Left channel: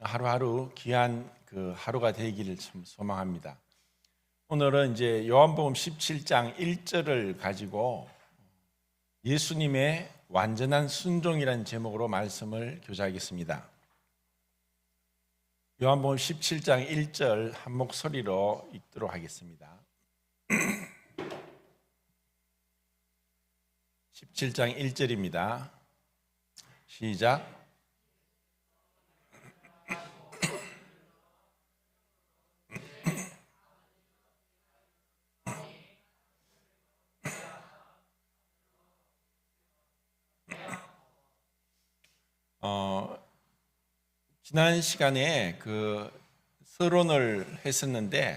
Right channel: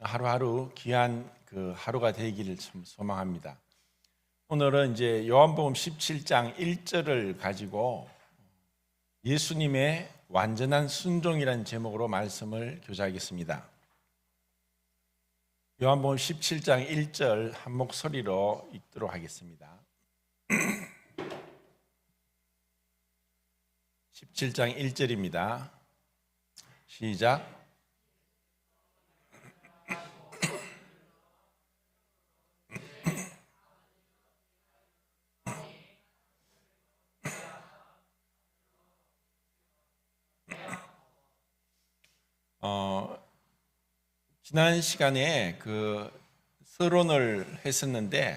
하루하루 귀한 그 하루가 되기를 참 소망합니다. 오늘은 이제 요한복음 17장 1절을 가지고 예수님의 완전한 순종이라는 제목으로 말씀을 교제하겠습니다. 요한복음 17장 1절 한 목소리로 읽도록 하겠습니다. 17장 1절입니다. 시작. 지난 시간에 그 서론을 했었는데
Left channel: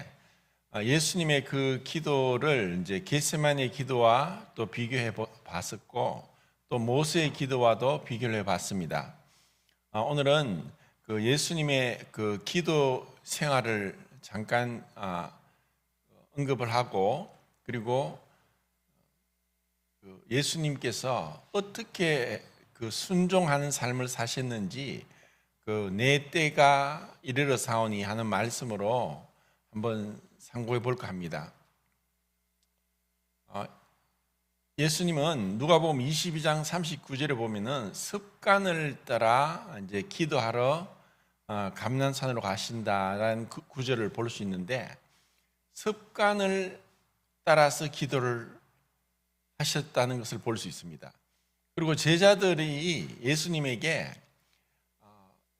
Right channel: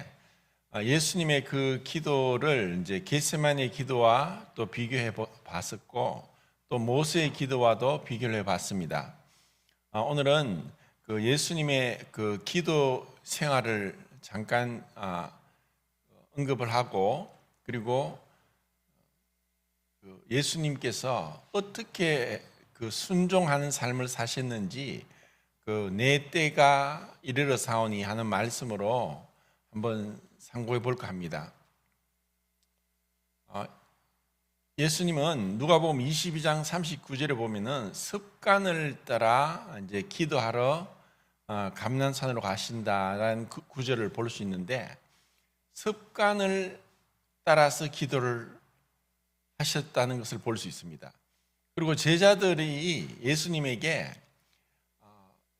예수님의 그 기도를 이제 겟세마네 기도와 또 비교해 봤었고 또 모세의 기도와도 비교를 해 봤습니다. 오늘은 그 예수님의 그 기도 생활을 잠깐 언급을 하고 그리고 예수님께서 어떻게 그 순종하는 삶을 사셨는지 그 내 때가 이르러 사오니 하는 말씀으로 한번 상고해 볼까 합니다. 예수님은 누가복음 22장 39절에 보면은 습관을 따라 이제 기도하러 감난산으로 가신다라는 그 구절을 볼 수 있는데 습관을 따라서 기도를 하셨다는 것을 볼 수 있습니다. 그리고 제자들이 예수님에게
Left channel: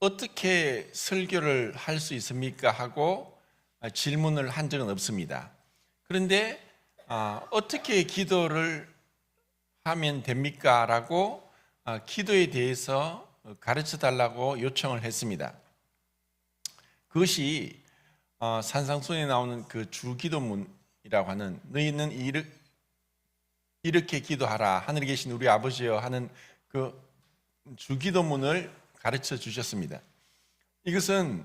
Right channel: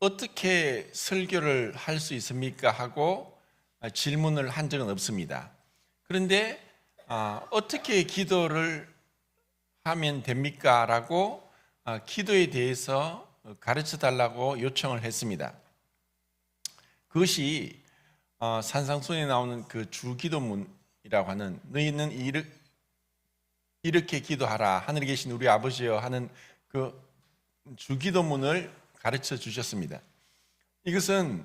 어떻게 설교를 할 수 있습니까? 하고 질문을 한 적은 없습니다. 그런데 어떻게 기도를 하면 됩니까? 라고 기도에 대해서 가르쳐 달라고 요청을 했습니다. 그것이 산상수훈에 나오는 그 주기도문이라고 하는 너희는 이렇게 기도하라 하늘에 계신 우리 아버지여 하는 그 주기도문을 가르쳐 주셨습니다. 이것은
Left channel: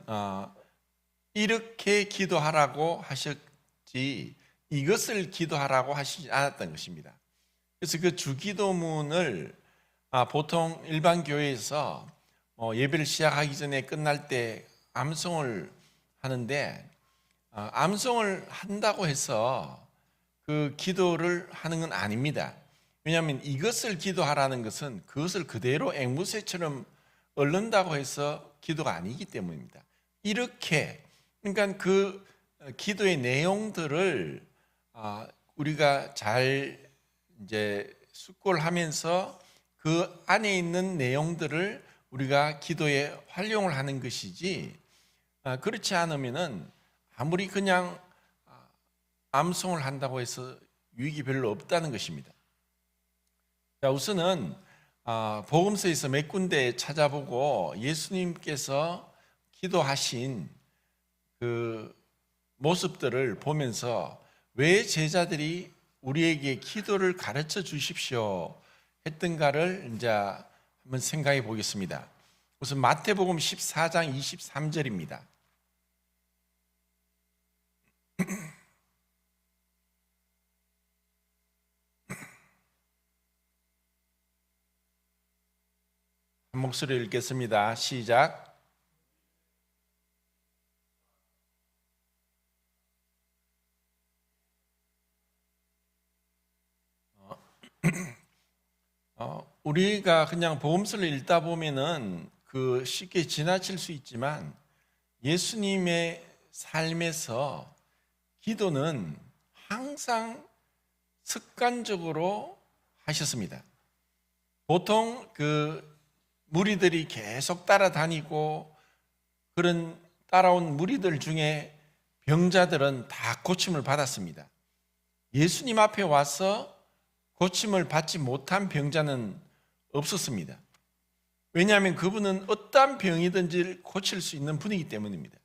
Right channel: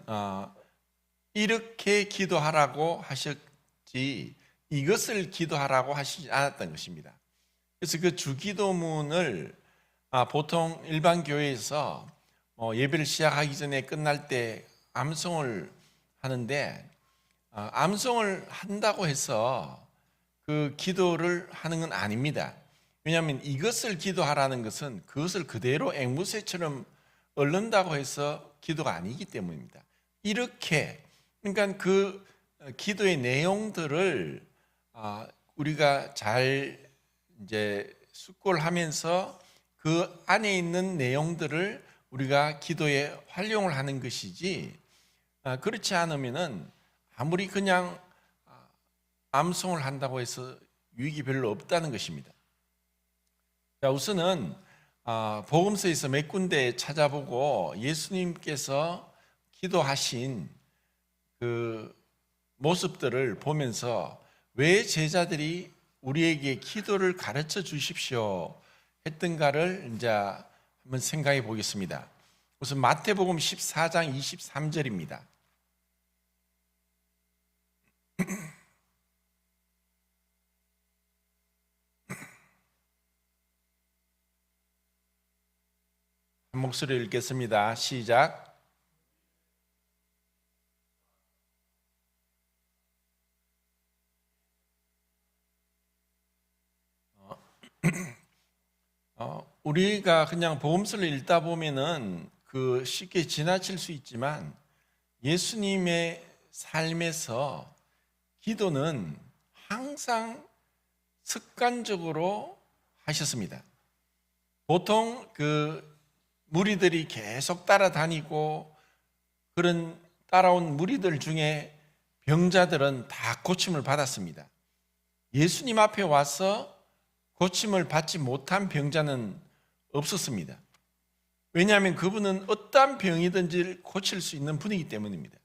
이렇게 기도하라고 하셨지 이것을 기도하라고 하시지 않았던 것입니다. 그래서 그 주기도문을 보통 일반 교회에서 예배를 시작하기 전에 끝날 때 암송을 하는데 암송을 한다고 해서 그 기도를 하는 건 아닙니다. 왜냐하면 이것을 기도하라는 것은 그것을 그대로 앵무새처럼 얽는다고 해서 기도가 아니기 때문입니다. 이렇게 그러니까 그 기도의 내용들을 우리가 잘 이제 숙고하면서 그 안에 있는 내용들을 우리가 기도에 활용을 하는 것이지 그렇지 않으면은 아무리 그냥 암송을 한다고 해서 유익이 별로 없다는 것입니다. 자, 우선은 복음서에서 몇 군데 찾아보고 예수님께서 기도하신 그 모습들을 보면서 왜 제자들이 우리에게 기도를 가르쳐 주십시오 했던가를 이제 한번 생각해 보겠습니다. 우선 마태복음 14장 23절입니다. 한 목소리로 읽겠습니다. 시작. 우리가 그냥 복음서를 읽다 보면은 그 쉽게 지나칠 수 있지만 예수님의 삶에서 기도는 항상 습관적으로 하셨습니다. 보통 그 무리들이 계속 따라다니고 그런 따라온 무리들 중에 병자들은 다 고침을 받았습니다. 예수님 앞에 와서 고침을 받지 못한 병자는 없었습니다. 왜냐하면 그분은 어떠한 병이든지 고칠 수 있는 분이기 때문입니다.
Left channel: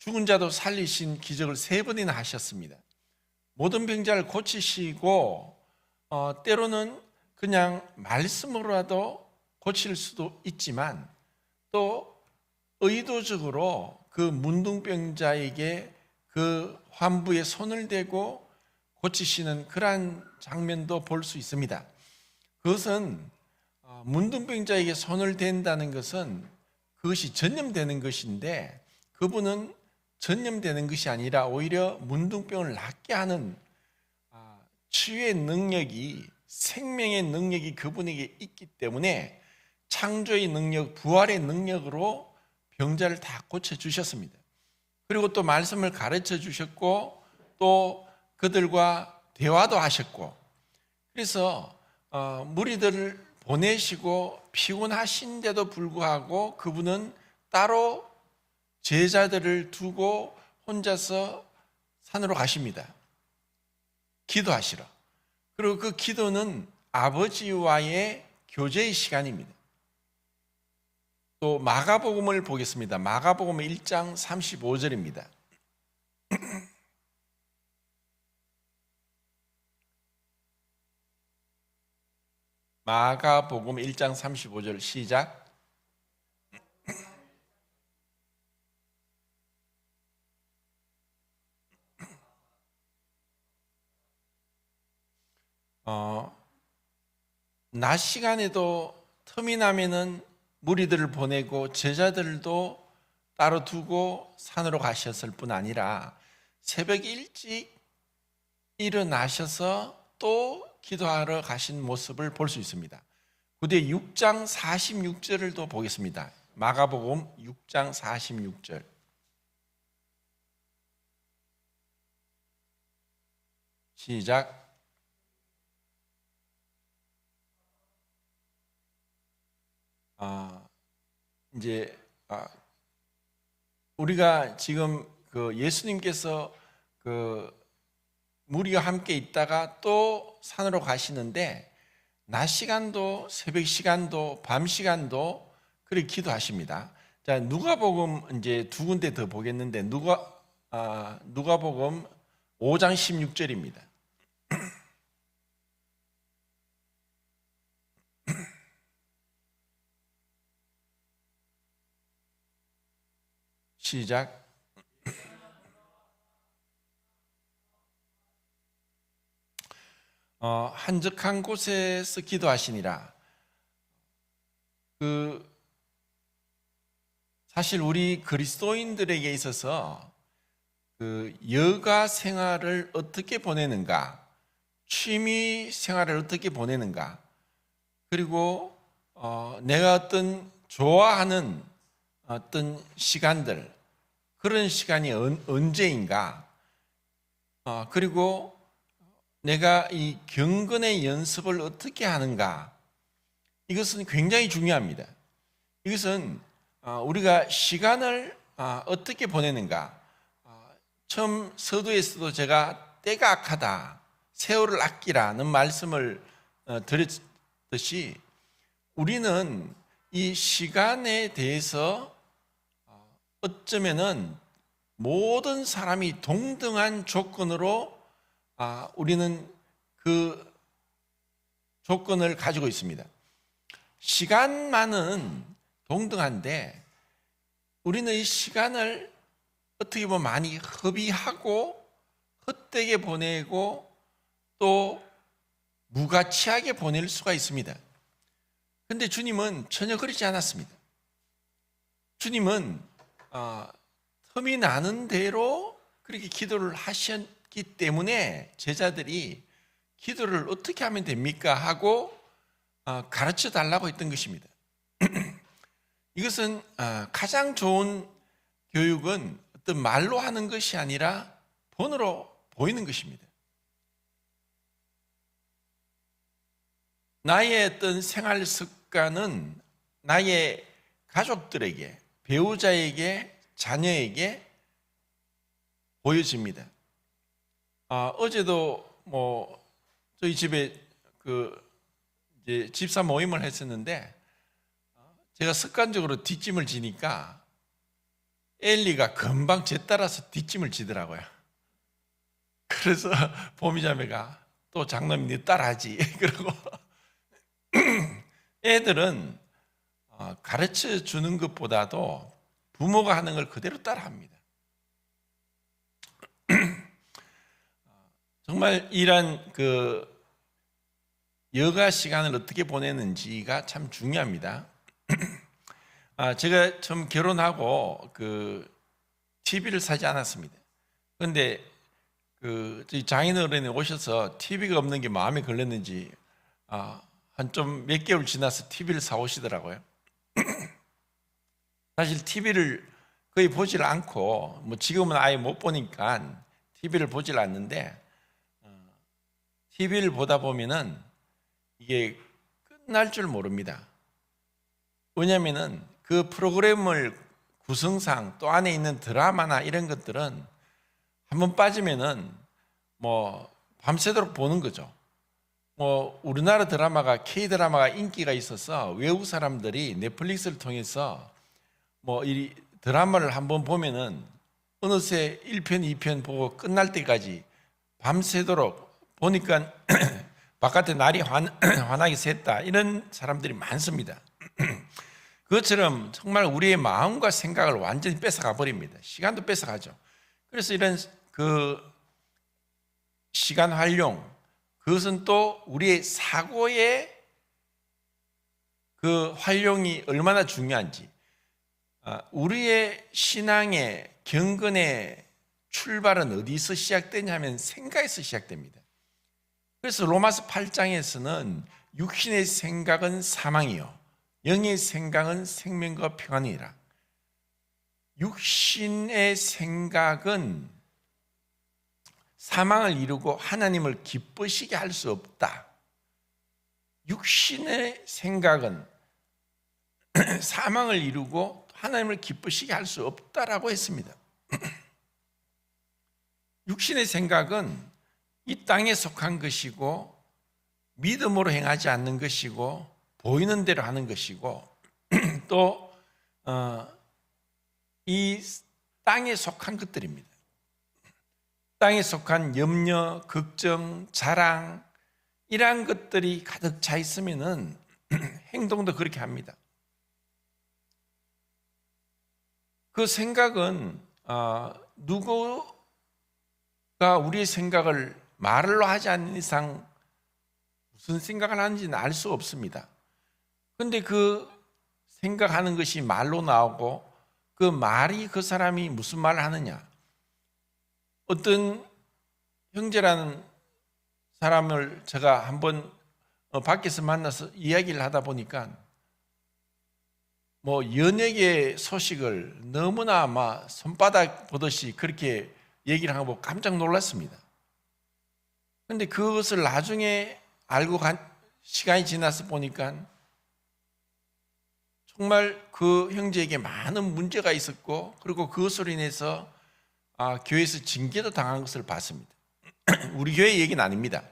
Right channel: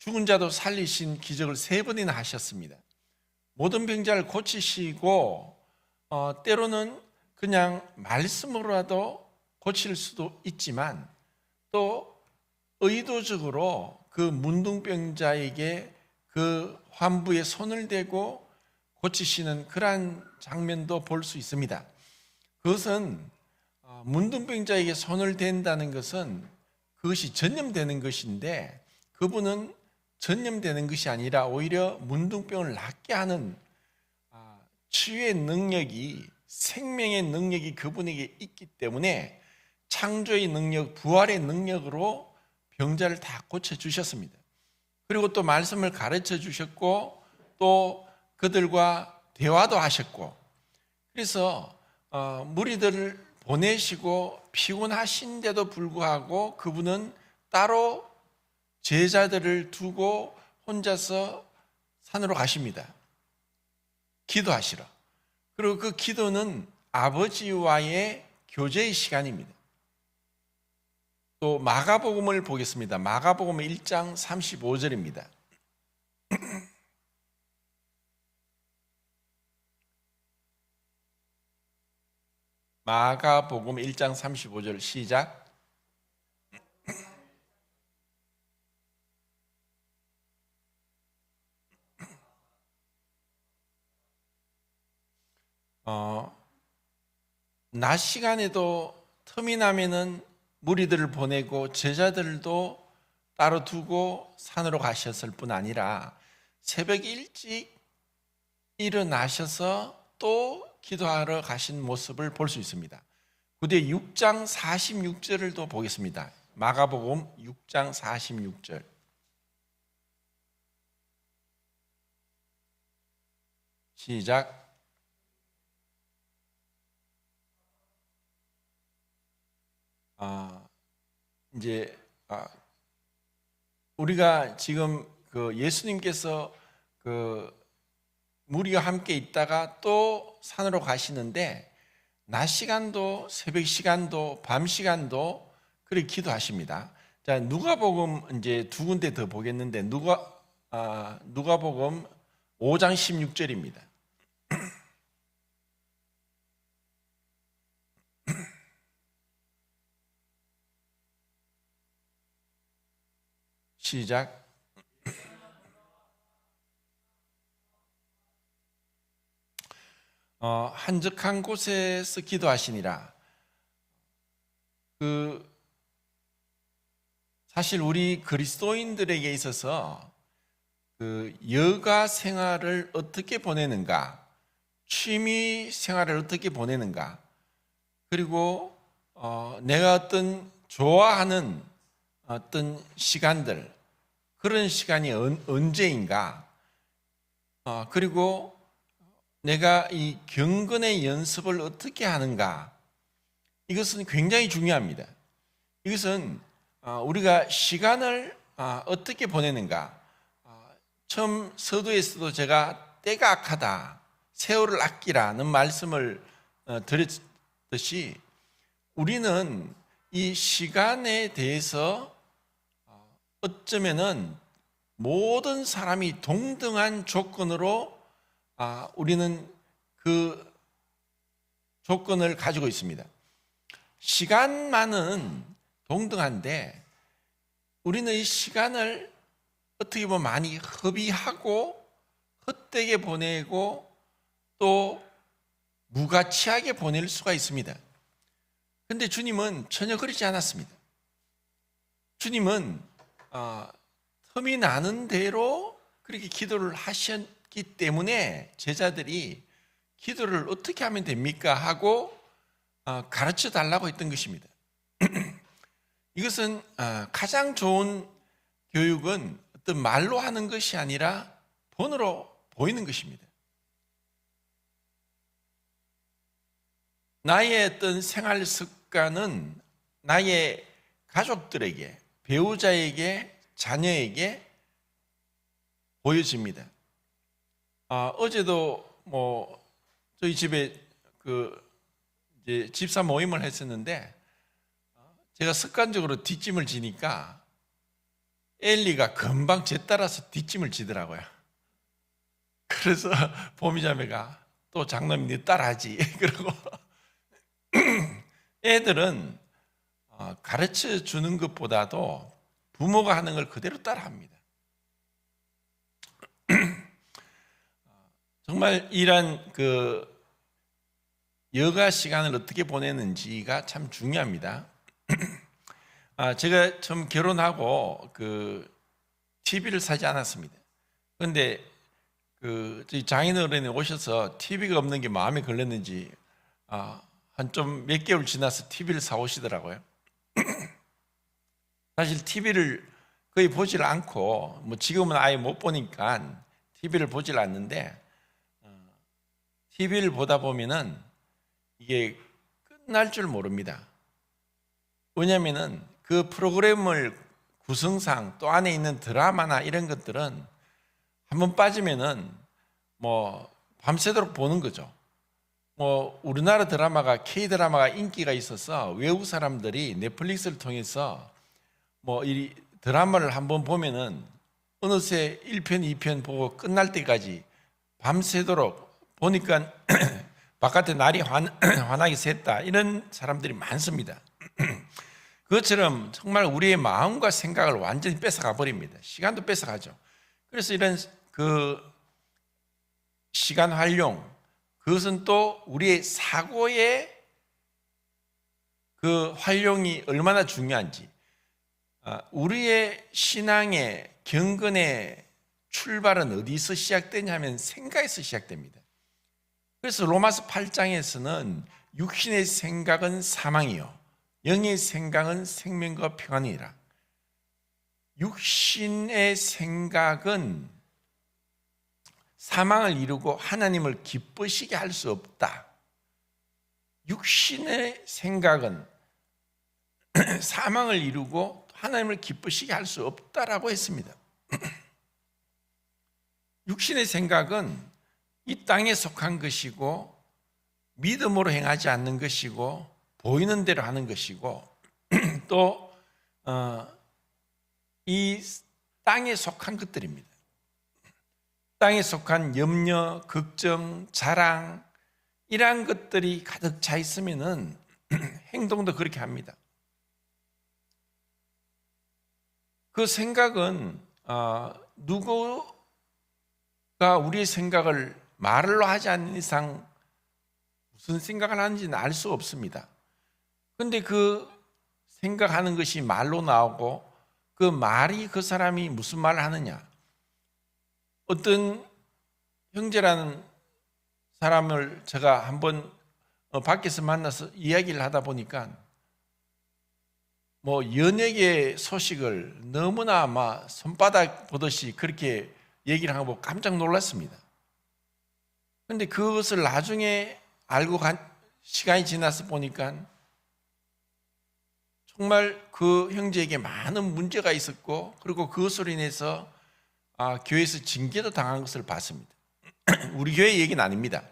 죽은 자도 살리신 기적을 3번이나 하셨습니다. 모든 병자를 고치시고 때로는 그냥 말씀으로라도 고칠 수도 있지만 또 의도적으로 그 문둥병자에게 그 환부에 손을 대고 고치시는 그러한 장면도 볼 수 있습니다. 그것은 문둥병자에게 손을 댄다는 것은 그것이 전염되는 것인데 그분은 전염되는 것이 아니라 오히려 문둥병을 낫게 하는 치유의 능력이, 생명의 능력이 그분에게 있기 때문에 창조의 능력, 부활의 능력으로 병자를 다 고쳐주셨습니다. 그리고 또 말씀을 가르쳐 주셨고 또 그들과 대화도 하셨고, 그래서 무리들을 보내시고 피곤하신데도 불구하고 그분은 따로 제자들을 두고 혼자서 산으로 가십니다. 기도하시러. 그리고 그 기도는 아버지와의 교제의 시간입니다. 또 마가복음을 보겠습니다. 마가복음 1장 35절입니다. 마가복음 1장 35절 시작. 낮 시간에도 틈이 나면은 무리들을 보내고 제자들도 따로 두고 산으로 가셨을 뿐 아니라 새벽 일찍 일어나셔서 또 기도하러 가신 모습을 볼 수 있습니다. 구대 6장 46절을 또 보겠습니다. 마가복음 6장 46절. 시작. 이제 우리가 지금 그 예수님께서 그 무리와 함께 있다가 또 산으로 가시는데 낮 시간도 새벽 시간도 밤 시간도 그렇게 기도하십니다. 자, 누가복음 이제 두 군데 더 보겠는데 누가복음 5장 16절입니다. 시작. 한적한 곳에서 기도하시니라. 사실 우리 그리스도인들에게 있어서 그 여가 생활을 어떻게 보내는가, 취미 생활을 어떻게 보내는가, 그리고 내가 어떤 좋아하는 어떤 시간들, 그런 시간이 언제인가, 그리고 내가 이 경건의 연습을 어떻게 하는가, 이것은 굉장히 중요합니다. 이것은 우리가 시간을 어떻게 보내는가. 처음 서두에서도 제가 때가 악하다, 세월을 아끼라는 말씀을 드렸듯이 우리는 이 시간에 대해서 어쩌면은 모든 사람이 동등한 조건으로 우리는 그 조건을 가지고 있습니다. 시간만은 동등한데 우리는 이 시간을 어떻게 보면 많이 허비하고 헛되게 보내고 또 무가치하게 보낼 수가 있습니다. 그런데 주님은 전혀 그렇지 않았습니다. 주님은 틈이 나는 대로 그렇게 기도를 하셨기 때문에 제자들이 기도를 어떻게 하면 됩니까? 하고 가르쳐 달라고 했던 것입니다. 이것은 가장 좋은 교육은 어떤 말로 하는 것이 아니라 본으로 보이는 것입니다. 나의 어떤 생활 습관은 나의 가족들에게, 배우자에게, 자녀에게 보여집니다. 어제도 저희 집에 이제 집사 모임을 했었는데 제가 습관적으로 뒷짐을 지니까 엘리가 금방 제 따라서 뒷짐을 지더라고요. 그래서 보미자매가 또 장남이 네 따라하지. 그러고 애들은 가르쳐 주는 것보다도 부모가 하는 걸 그대로 따라합니다. 정말 이런 여가 시간을 어떻게 보내는지가 참 중요합니다. 제가 처음 결혼하고 TV를 사지 않았습니다. 그런데 저희 장인어른이 오셔서 TV가 없는 게 마음에 걸렸는지 한 좀 몇 개월 지나서 TV를 사오시더라고요. 사실 TV를 거의 보질 않고 뭐 지금은 아예 못 보니까 TV를 보질 않는데 TV를 보다 보면은 이게 끝날 줄 모릅니다. 왜냐하면은 그 프로그램을 구성상 또 안에 있는 드라마나 이런 것들은 한번 빠지면은 뭐 밤새도록 보는 거죠. 뭐 우리나라 드라마가 K-드라마가 인기가 있어서 외국 사람들이 넷플릭스를 통해서 뭐 이 드라마를 한번 보면은 어느새 1편, 2편 보고 끝날 때까지 밤새도록 보니까 바깥에 날이 환하게 샜다 이런 사람들이 많습니다. 그것처럼 정말 우리의 마음과 생각을 완전히 뺏어가 버립니다. 시간도 뺏어가죠. 그래서 이런 시간 활용, 그것은 또 우리의 사고의 활용이 얼마나 중요한지, 우리의 신앙의 경건의 출발은 어디서 시작되냐면 생각에서 시작됩니다. 그래서 로마서 8장에서는 육신의 생각은 사망이요 영의 생각은 생명과 평안이라. 육신의 생각은 사망을 이루고 하나님을 기쁘시게 할 수 없다. 육신의 생각은 사망을 이루고 하나님을 기쁘시게 할 수 없다라고 했습니다. 육신의 생각은 이 땅에 속한 것이고 믿음으로 행하지 않는 것이고 보이는 대로 하는 것이고 또 이 땅에 속한 것들입니다. 땅에 속한 염려, 걱정, 자랑 이러한 것들이 가득 차 있으면은 행동도 그렇게 합니다. 그 생각은 누구가 우리의 생각을 말로 하지 않는 이상 무슨 생각을 하는지는 알 수 없습니다. 그런데 그 생각하는 것이 말로 나오고 그 말이 그 사람이 무슨 말을 하느냐. 어떤 형제라는 사람을 제가 한번 밖에서 만나서 이야기를 하다 보니까 뭐 연예계 소식을 너무나 막 손바닥 보듯이 그렇게 얘기를 하고 깜짝 놀랐습니다. 그런데 그것을 나중에 알고 시간이 지나서 보니까 정말 그 형제에게 많은 문제가 있었고 그리고 그것으로 인해서 교회에서 징계도 당한 것을 봤습니다. 우리 교회 얘기는 아닙니다.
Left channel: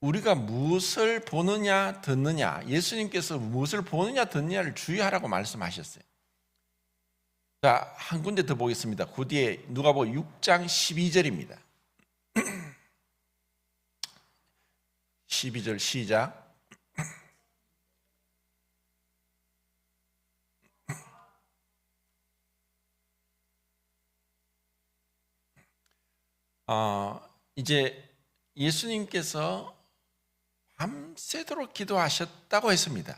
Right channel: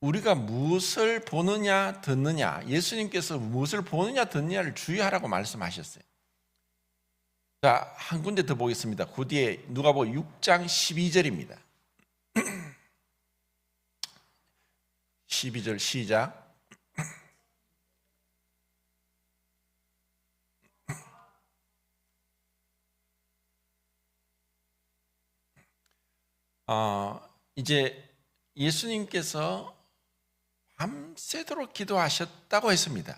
우리가 무엇을 보느냐 듣느냐, 예수님께서 무엇을 보느냐 듣느냐를 주의하라고 말씀하셨어요. 자, 한 군데 더 보겠습니다. 그 뒤에 누가복음 6장 12절입니다. 12절 시작. 이제 예수님께서 밤새도록 기도하셨다고 했습니다.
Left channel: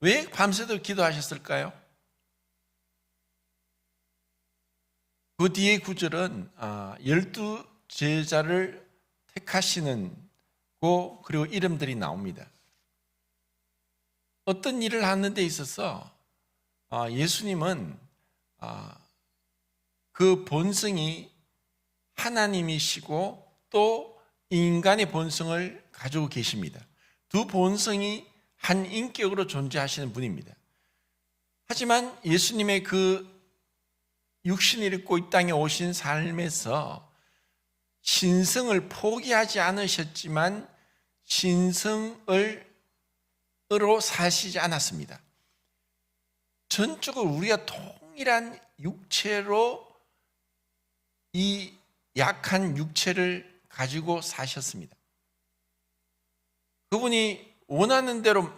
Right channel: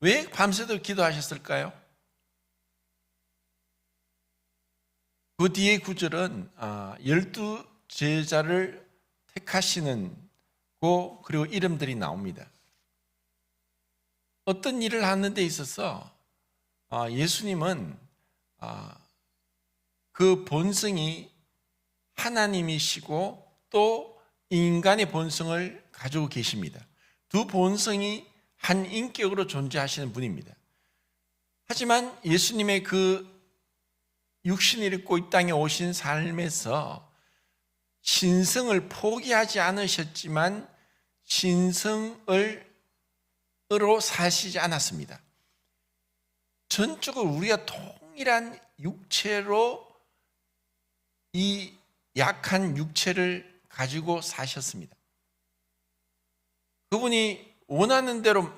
왜 밤새도록 기도하셨을까요? 그 뒤에 구절은 12 제자를 택하시는 그리고 이름들이 나옵니다. 어떤 일을 하는 데 있어서 예수님은 그 본성이 하나님이시고 또 인간의 본성을 가지고 계십니다. 두 본성이 한 인격으로 존재하시는 분입니다. 하지만 예수님의 그 육신을 입고 이 땅에 오신 삶에서 신성을 포기하지 않으셨지만 신성으로 사시지 않았습니다. 전적으로 우리가 동일한 육체로 이 약한 육체를 가지고 사셨습니다. 그분이 원하는 대로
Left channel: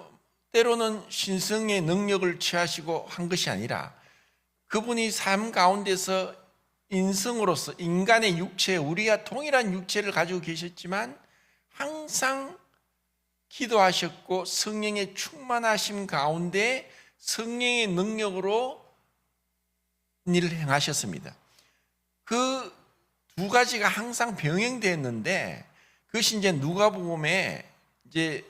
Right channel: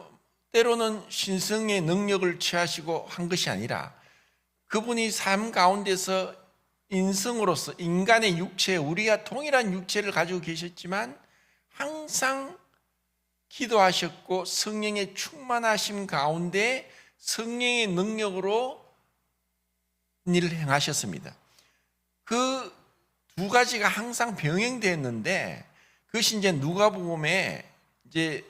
때로는 신성의 능력을 취하시고 한 것이 아니라 그분이 삶 가운데서 인성으로서 인간의 육체, 우리가 동일한 육체를 가지고 계셨지만 항상 기도하셨고 성령의 충만하심 가운데 성령의 능력으로 일을 행하셨습니다. 그 두 가지가 항상 병행되었는데 그것이 이제 누가복음에 이제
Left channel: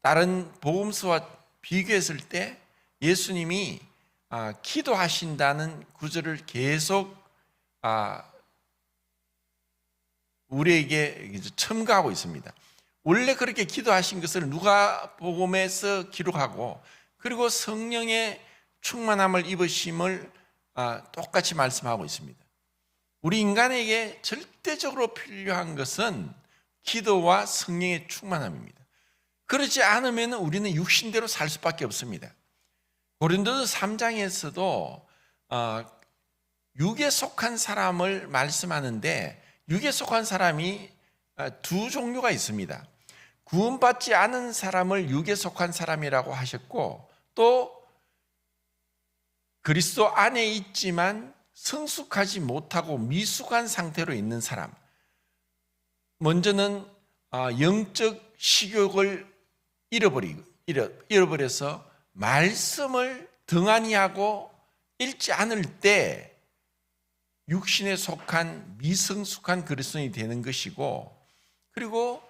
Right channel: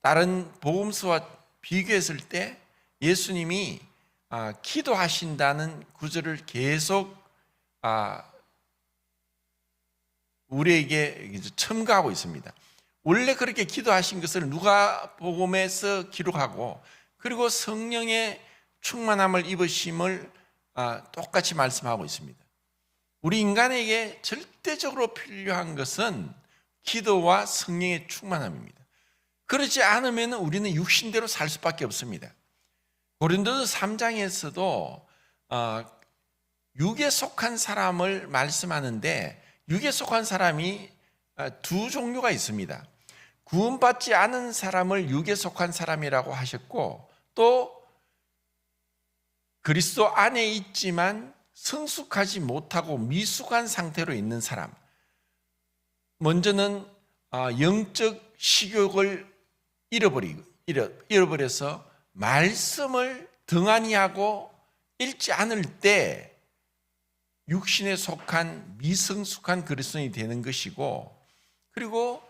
다른 복음서와 비교했을 때 예수님이 기도하신다는 구절을 계속 우리에게 첨가하고 있습니다. 원래 그렇게 기도하신 것을 누가복음에서 기록하고 그리고 성령의 충만함을 입으심을 똑같이 말씀하고 있습니다. 우리 인간에게 절대적으로 필요한 것은 기도와 성령의 충만함입니다. 그렇지 않으면 우리는 육신대로 살 수밖에 없습니다. 고린도서 3장에서도 육에 속한 사람을 말씀하는데 육에 속한 사람이 두 종류가 있습니다. 구원받지 않은 사람을 육에 속한 사람이라고 하셨고 또 그리스도 안에 있지만 성숙하지 못하고 미숙한 상태로 있는 사람. 먼저는 영적 식욕을 잃어버려서 말씀을 등한히 하고 읽지 않을 때 육신에 속한 미성숙한 그리스도인이 되는 것이고 그리고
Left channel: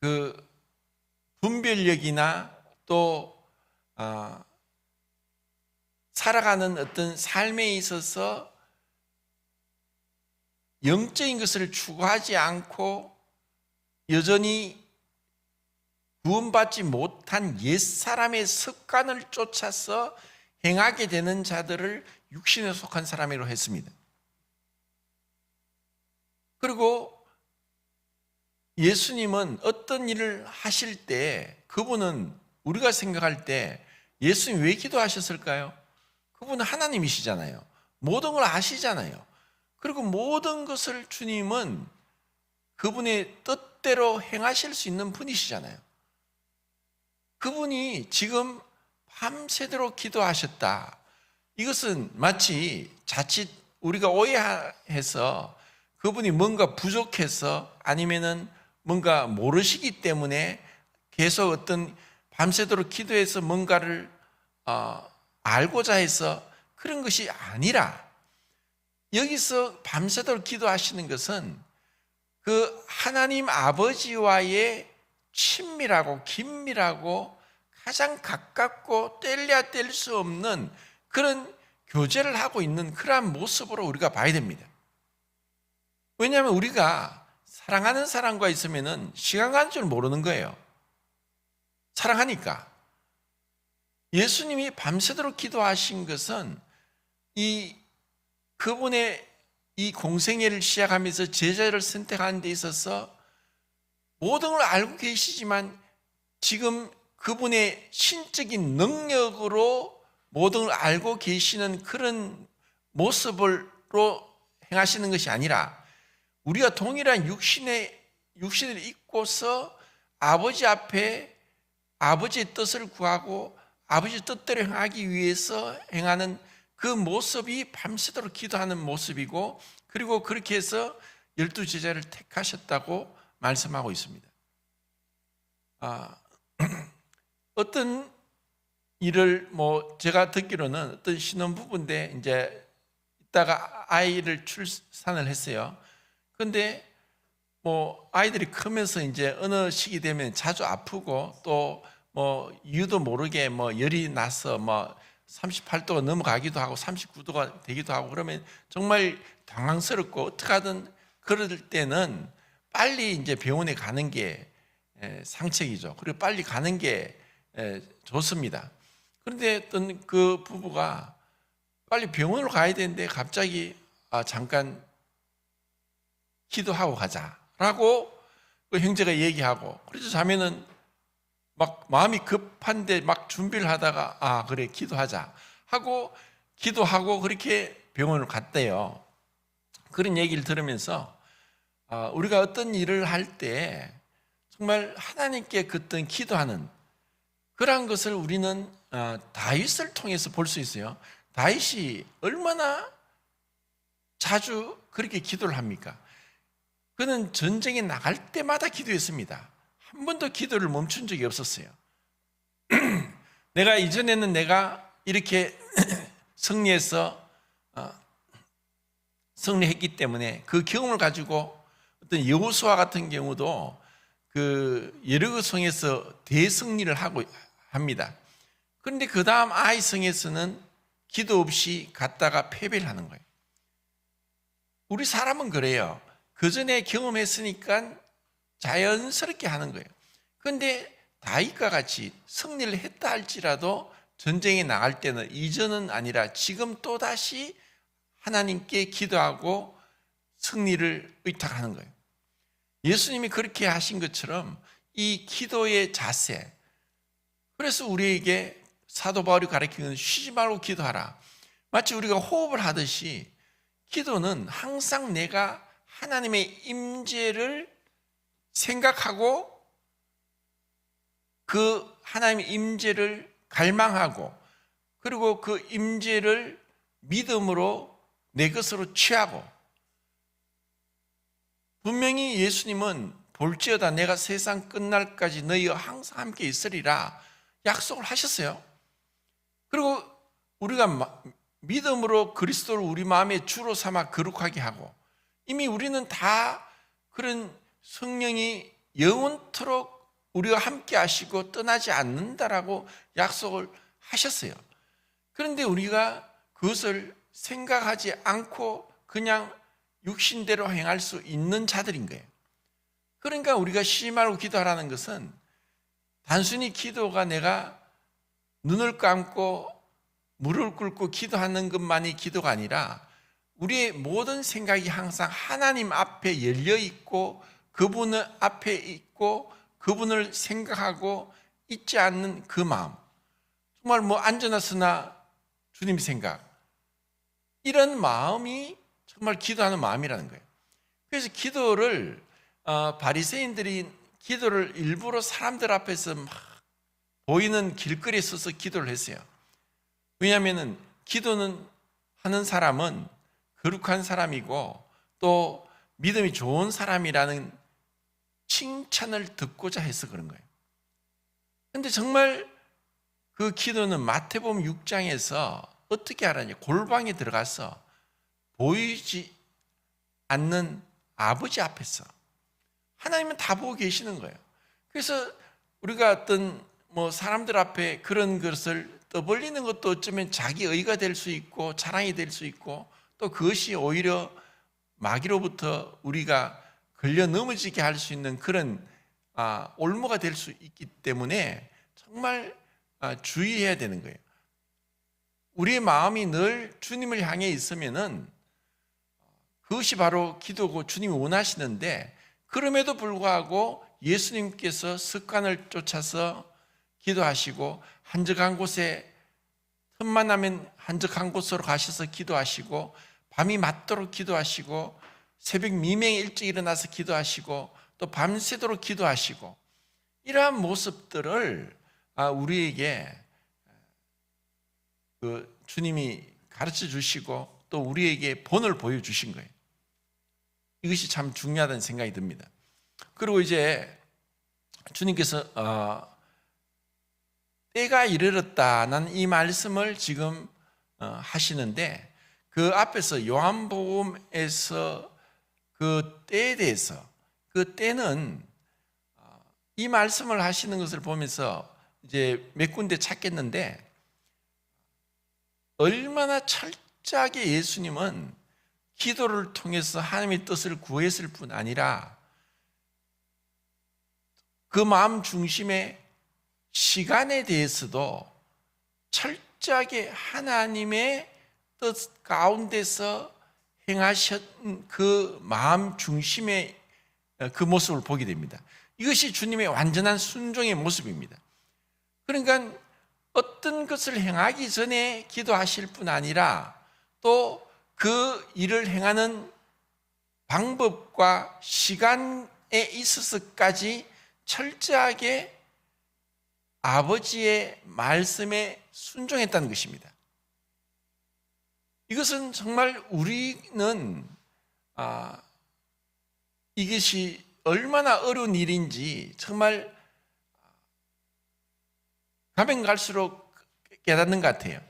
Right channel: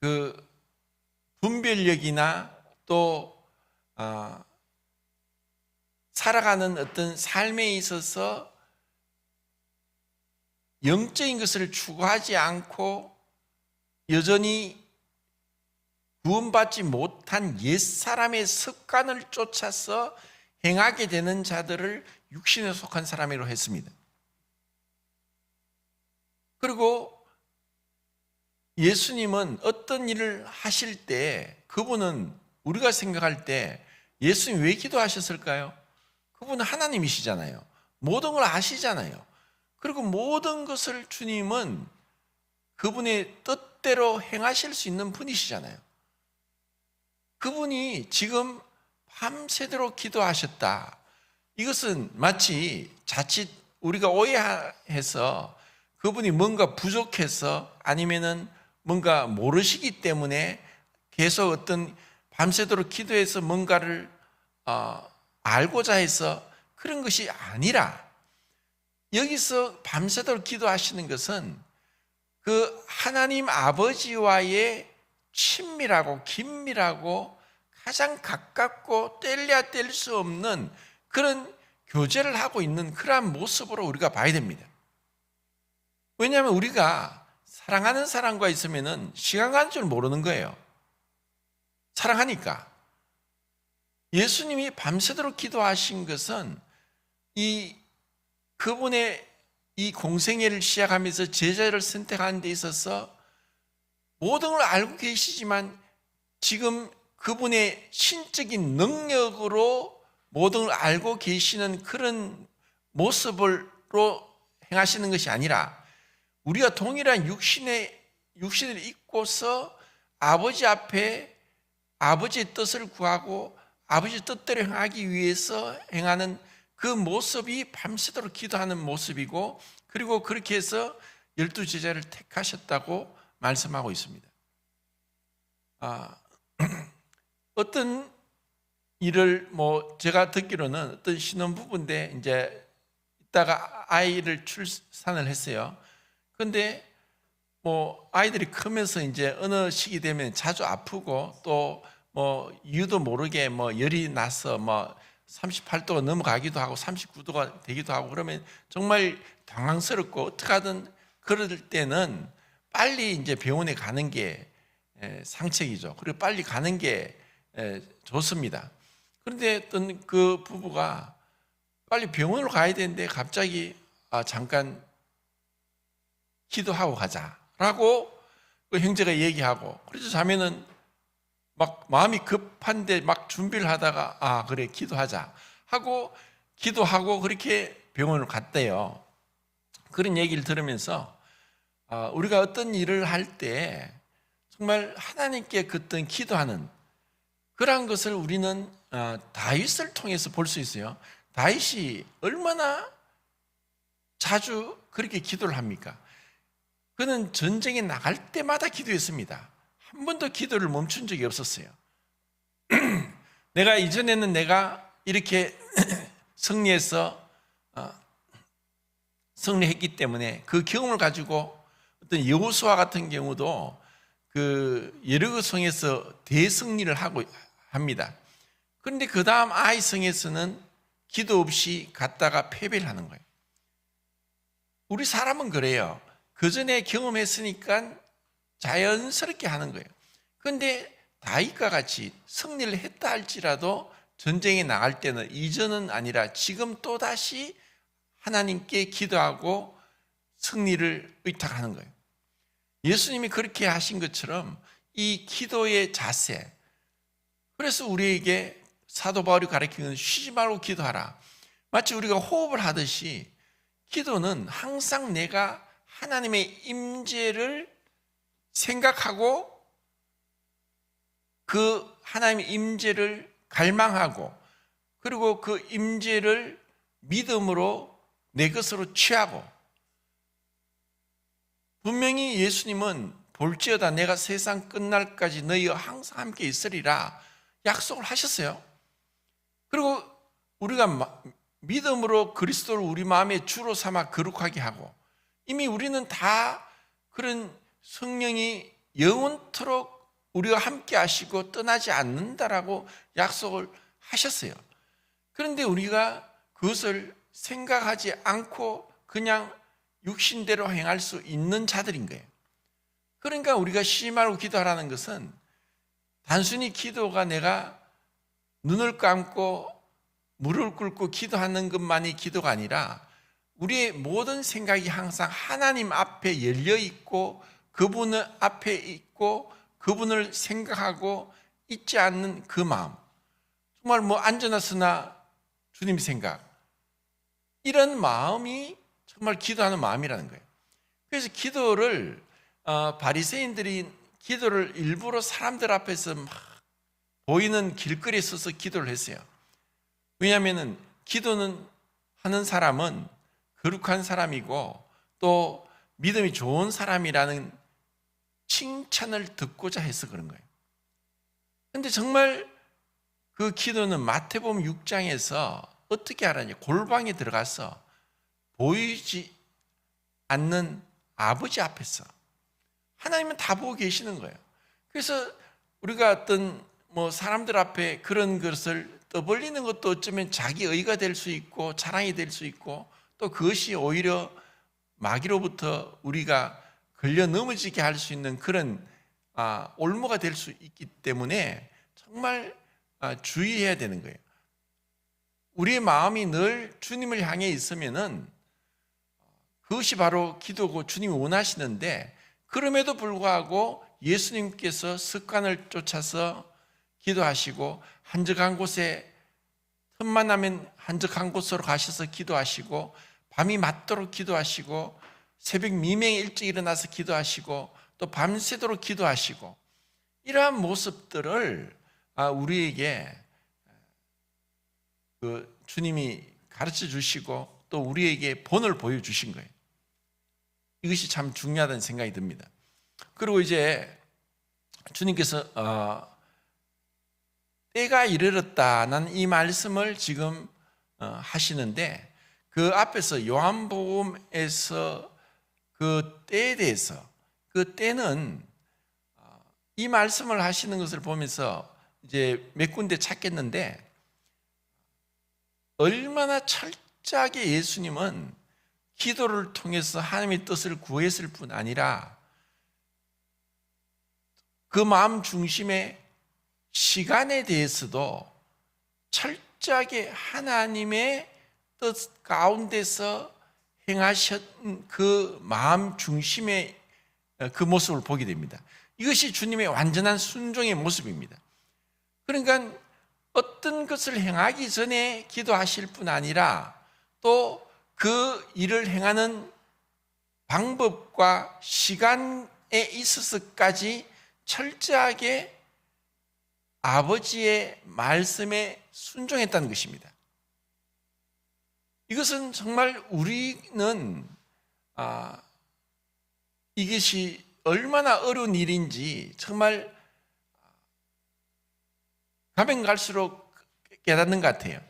그 분별력이나 또 살아가는 어떤 삶에 있어서 영적인 것을 추구하지 않고 여전히 구원받지 못한 옛사람의 습관을 쫓아서 행하게 되는 자들을 육신에 속한 사람이라고 했습니다. 그리고 예수님은 어떤 일을 하실 때 그분은 우리가 생각할 때 예수님 왜 기도하셨을까요? 그분은 하나님이시잖아요. 모든 걸 아시잖아요. 그리고 모든 것을 주님은 그분의 뜻대로 행하실 수 있는 분이시잖아요. 그분이 지금 밤새도록 기도하셨다. 이것은 마치 자칫 우리가 오해해서 그분이 뭔가 부족해서 아니면은 뭔가 모르시기 때문에 계속 어떤 밤새도록 기도해서 뭔가를 알고자 해서 그런 것이 아니라 여기서 밤새도록 기도하시는 것은 그 하나님 아버지와의 친밀하고 긴밀하고 가장 가깝고 뗄래야 뗄 수 없는 그런 교제를 하고 있는 그러한 모습으로 우리가 봐야 됩니다. 왜냐하면 우리가 사랑하는 사람과 있으면 시간 가는 줄 모르는 거예요. 사랑하니까. 예수님이 밤새도록 기도하신 것은 그분의 이 공생애를 시작하면서 제자를 선택하는 데 있어서 모든 걸 알고 계시지만 지금 그분의 신적인 능력으로 모든 걸 알고 계시는 그런 모습으로 행하시는 것이 아니라 우리가 동일한 육신을 입고서 아버지 앞에 아버지의 뜻을 구하고 아버지 뜻대로 행하기 위해서 행하는 그 모습이 밤새도록 기도하는 모습이고 그리고 그렇게 해서 12 제자를 택하셨다고 말씀하고 있습니다. 어떤 일을 제가 듣기로는 어떤 신혼부부인데 이제 이따가 아이를 출산을 했어요. 그런데 아이들이 크면서 이제 어느 시기 되면 자주 아프고 또 이유도 모르게 열이 나서 38도가 넘어가기도 하고 39도가 되기도 하고 그러면 정말 당황스럽고 어떡하든 그럴 때는 빨리 이제 병원에 가는 게 상책이죠. 그리고 빨리 가는 게 좋습니다. 그런데 어떤 그 부부가 빨리 병원으로 가야 되는데 갑자기 잠깐 기도하고 가자라고 그 형제가 얘기하고 그래서 자매는 막 마음이 급한데 막 준비를 하다가 그래 기도하자 하고 기도하고 그렇게 병원을 갔대요. 그런 얘기를 들으면서 우리가 어떤 일을 할 때 정말 하나님께 어떤 기도하는 그러한 것을 우리는 다윗을 통해서 볼 수 있어요. 다윗이 얼마나 자주 그렇게 기도를 합니까? 그는 전쟁에 나갈 때마다 기도했습니다. 한 번도 기도를 멈춘 적이 없었어요. 내가 이전에는 내가 이렇게 승리했기 때문에 그 경험을 가지고 어떤 여호수아 같은 경우도 그 여리고 성에서 대승리를 하고 합니다. 그런데 그 다음 아이 성에서는 기도 없이 갔다가 패배를 하는 거예요. 우리 사람은 그래요. 그 전에 경험했으니까 자연스럽게 하는 거예요. 그런데 다윗과 같이 승리를 했다 할지라도 전쟁에 나갈 때는 이전은 아니라 지금 또다시 하나님께 기도하고 승리를 의탁하는 거예요. 예수님이 그렇게 하신 것처럼 이 기도의 자세, 그래서 우리에게 사도 바울이 가르치는 쉬지 말고 기도하라. 마치 우리가 호흡을 하듯이 기도는 항상 내가 하나님의 임재를 생각하고 그 하나님의 임재를 갈망하고 그리고 그 임재를 믿음으로 내 것으로 취하고, 분명히 예수님은 볼지어다 내가 세상 끝날까지 너희와 항상 함께 있으리라 약속을 하셨어요. 그리고 우리가 믿음으로 그리스도를 우리 마음의 주로 삼아 거룩하게 하고, 이미 우리는 다 그런 성령이 영원토록 우리와 함께 하시고 떠나지 않는다라고 약속을 하셨어요. 그런데 우리가 그것을 생각하지 않고 그냥 육신대로 행할 수 있는 자들인 거예요. 그러니까 우리가 쉬지 말고 기도하라는 것은 단순히 기도가 내가 눈을 감고 무릎을 꿇고 기도하는 것만이 기도가 아니라 우리의 모든 생각이 항상 하나님 앞에 열려 있고 그분 앞에 있고 그분을 생각하고 잊지 않는 그 마음, 정말 앉아나서나 주님 생각, 이런 마음이 정말 기도하는 마음이라는 거예요. 그래서 기도를 바리새인들이 기도를 일부러 사람들 앞에서 막 보이는 길거리에 서서 기도를 했어요. 왜냐하면 기도는 하는 사람은 거룩한 사람이고 또 믿음이 좋은 사람이라는 칭찬을 듣고자 해서 그런 거예요. 그런데 정말 그 기도는 마태복음 6장에서 어떻게 하라냐, 골방에 들어가서 보이지 않는 아버지 앞에서 하나님은 다 보고 계시는 거예요. 그래서 우리가 어떤 사람들 앞에 그런 것을 떠벌리는 것도 어쩌면 자기 의가 될 수 있고 자랑이 될 수 있고, 또 그것이 오히려 마귀로부터 우리가 걸려 넘어지게 할 수 있는 그런 올무가 될 수 있기 때문에 정말 주의해야 되는 거예요. 우리의 마음이 늘 주님을 향해 있으면은 그것이 바로 기도고 주님이 원하시는데, 그럼에도 불구하고 예수님께서 습관을 쫓아서 기도하시고 한적한 곳에 틈만 나면 한적한 곳으로 가셔서 기도하시고 밤이 맞도록 기도하시고 새벽 미명에 일찍 일어나서 기도하시고 또 밤새도록 기도하시고, 이러한 모습들을 우리에게 주님이 가르쳐 주시고 또 우리에게 본을 보여주신 거예요. 이것이 참 중요하다는 생각이 듭니다. 그리고 이제 주님께서 때가 이르렀다는 이 말씀을 지금 하시는데, 그 앞에서 요한복음에서 그 때에 대해서, 그 때는 이 말씀을 하시는 것을 보면서 이제 몇 군데 찾겠는데, 얼마나 철저하게 예수님은 기도를 통해서 하나님의 뜻을 구했을 뿐 아니라 그 마음 중심의 시간에 대해서도 철저하게 하나님의 뜻 가운데서 행하셨던 그 마음 중심의 그 모습을 보게 됩니다. 이것이 주님의 완전한 순종의 모습입니다. 그러니까 어떤 것을 행하기 전에 기도하실 뿐 아니라 또 그 일을 행하는 방법과 시간에 있어서까지 철저하게 아버지의 말씀에 순종했다는 것입니다. 이것은 정말 우리는 이것이 얼마나 어려운 일인지 정말 가면 갈수록 깨닫는 것 같아요.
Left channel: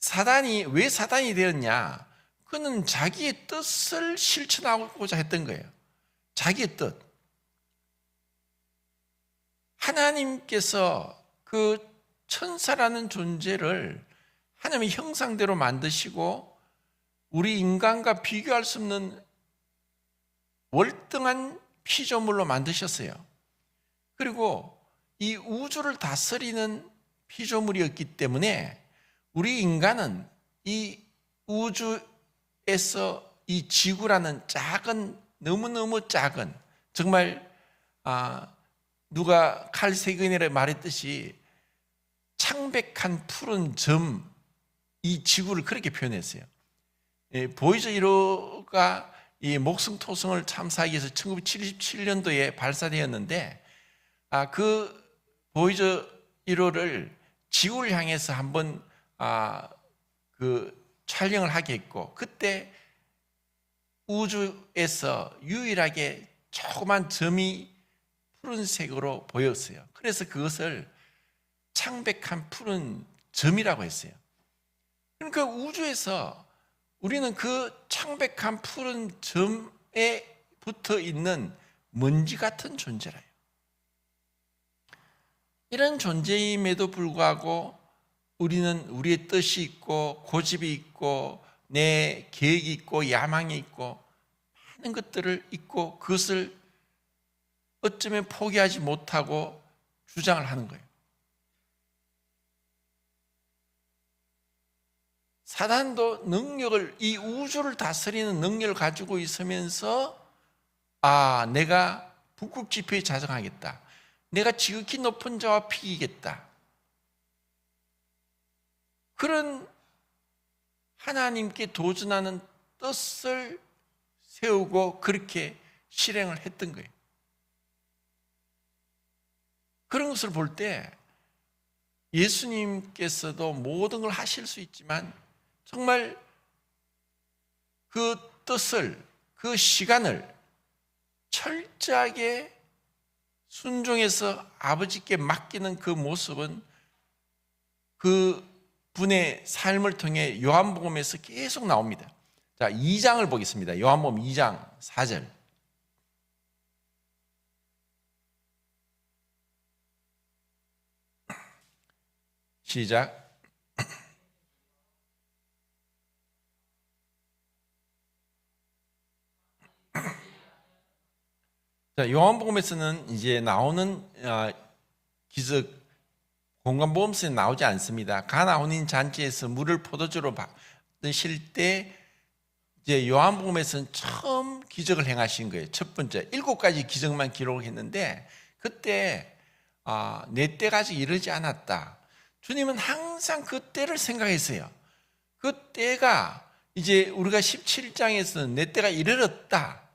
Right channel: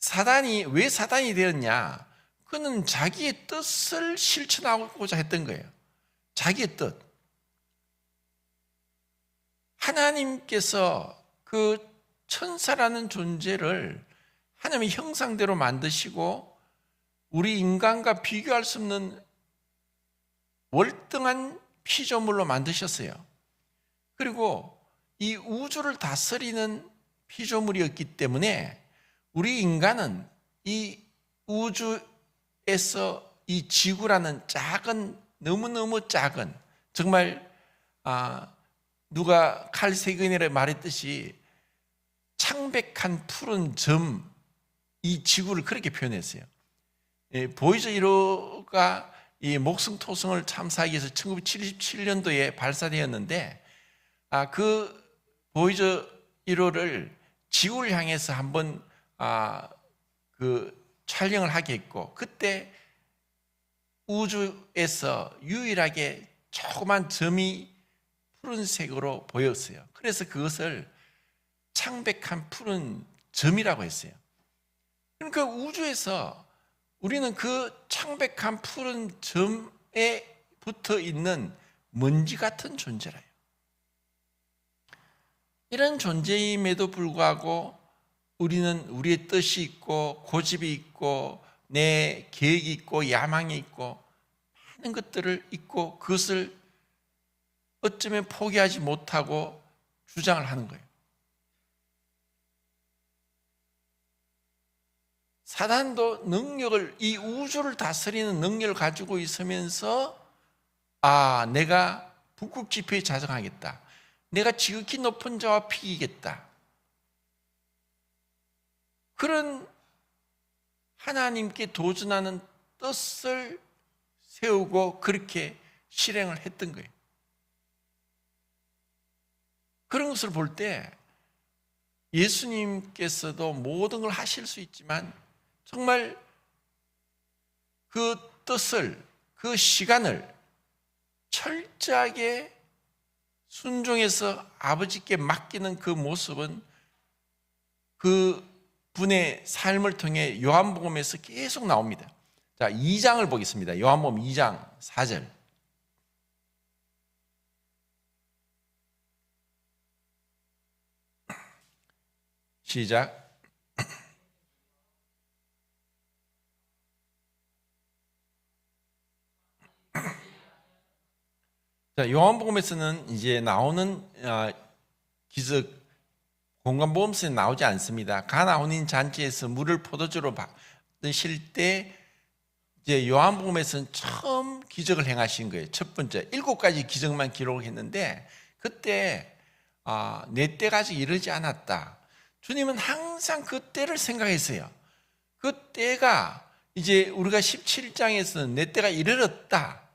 사단이 왜 사단이 되었냐? 그는 자기의 뜻을 실천하고자 했던 거예요. 자기의 뜻. 하나님께서 그 천사라는 존재를 하나님의 형상대로 만드시고 우리 인간과 비교할 수 없는 월등한 피조물로 만드셨어요. 그리고 이 우주를 다스리는 피조물이었기 때문에 우리 인간은 이 우주에서 이 지구라는 작은, 너무너무 작은, 정말 누가 칼 세근이라 말했듯이 창백한 푸른 점, 이 지구를 그렇게 표현했어요. 보이저 1호가 이 목성토성을 탐사하기 위해서 1977년도에 발사되었는데 그 보이저 1호를 지구를 향해서 한번 그 촬영을 하게 했고, 그때 우주에서 유일하게 조그만 점이 푸른색으로 보였어요. 그래서 그것을 창백한 푸른 점이라고 했어요. 그러니까 우주에서 우리는 그 창백한 푸른 점에 붙어 있는 먼지 같은 존재라요. 이런 존재임에도 불구하고 우리는 우리의 뜻이 있고 고집이 있고 내 계획이 있고 야망이 있고 많은 것들을 있고 그것을 어쩌면 포기하지 못하고 주장을 하는 거예요. 사단도 능력을, 이 우주를 다스리는 능력을 가지고 있으면서 내가 북극지표에 자정하겠다. 내가 지극히 높은 자와 비기겠다. 그런 하나님께 도전하는 뜻을 세우고 그렇게 실행을 했던 거예요. 그런 것을 볼 때 예수님께서도 모든 걸 하실 수 있지만 정말 그 뜻을, 그 시간을 철저하게 순종해서 아버지께 맡기는 그 모습은 그 분의 삶을 통해 요한복음에서 계속 나옵니다. 자, 2장을 보겠습니다. 요한복음 2장 4절. 시작. 자, 요한복음에서는 이제 나오는 기적, 공간보험서에 나오지 않습니다. 가나 혼인 잔치에서 물을 포도주로 받으실 때 이제 요한복음에서는 처음 기적을 행하신 거예요. 첫 번째 7가지 기적만 기록을 했는데 그때 내 때가 아직 이르지 않았다. 주님은 항상 그 때를 생각했어요. 그 때가 이제 우리가 17장에서는 내 때가 이르렀다.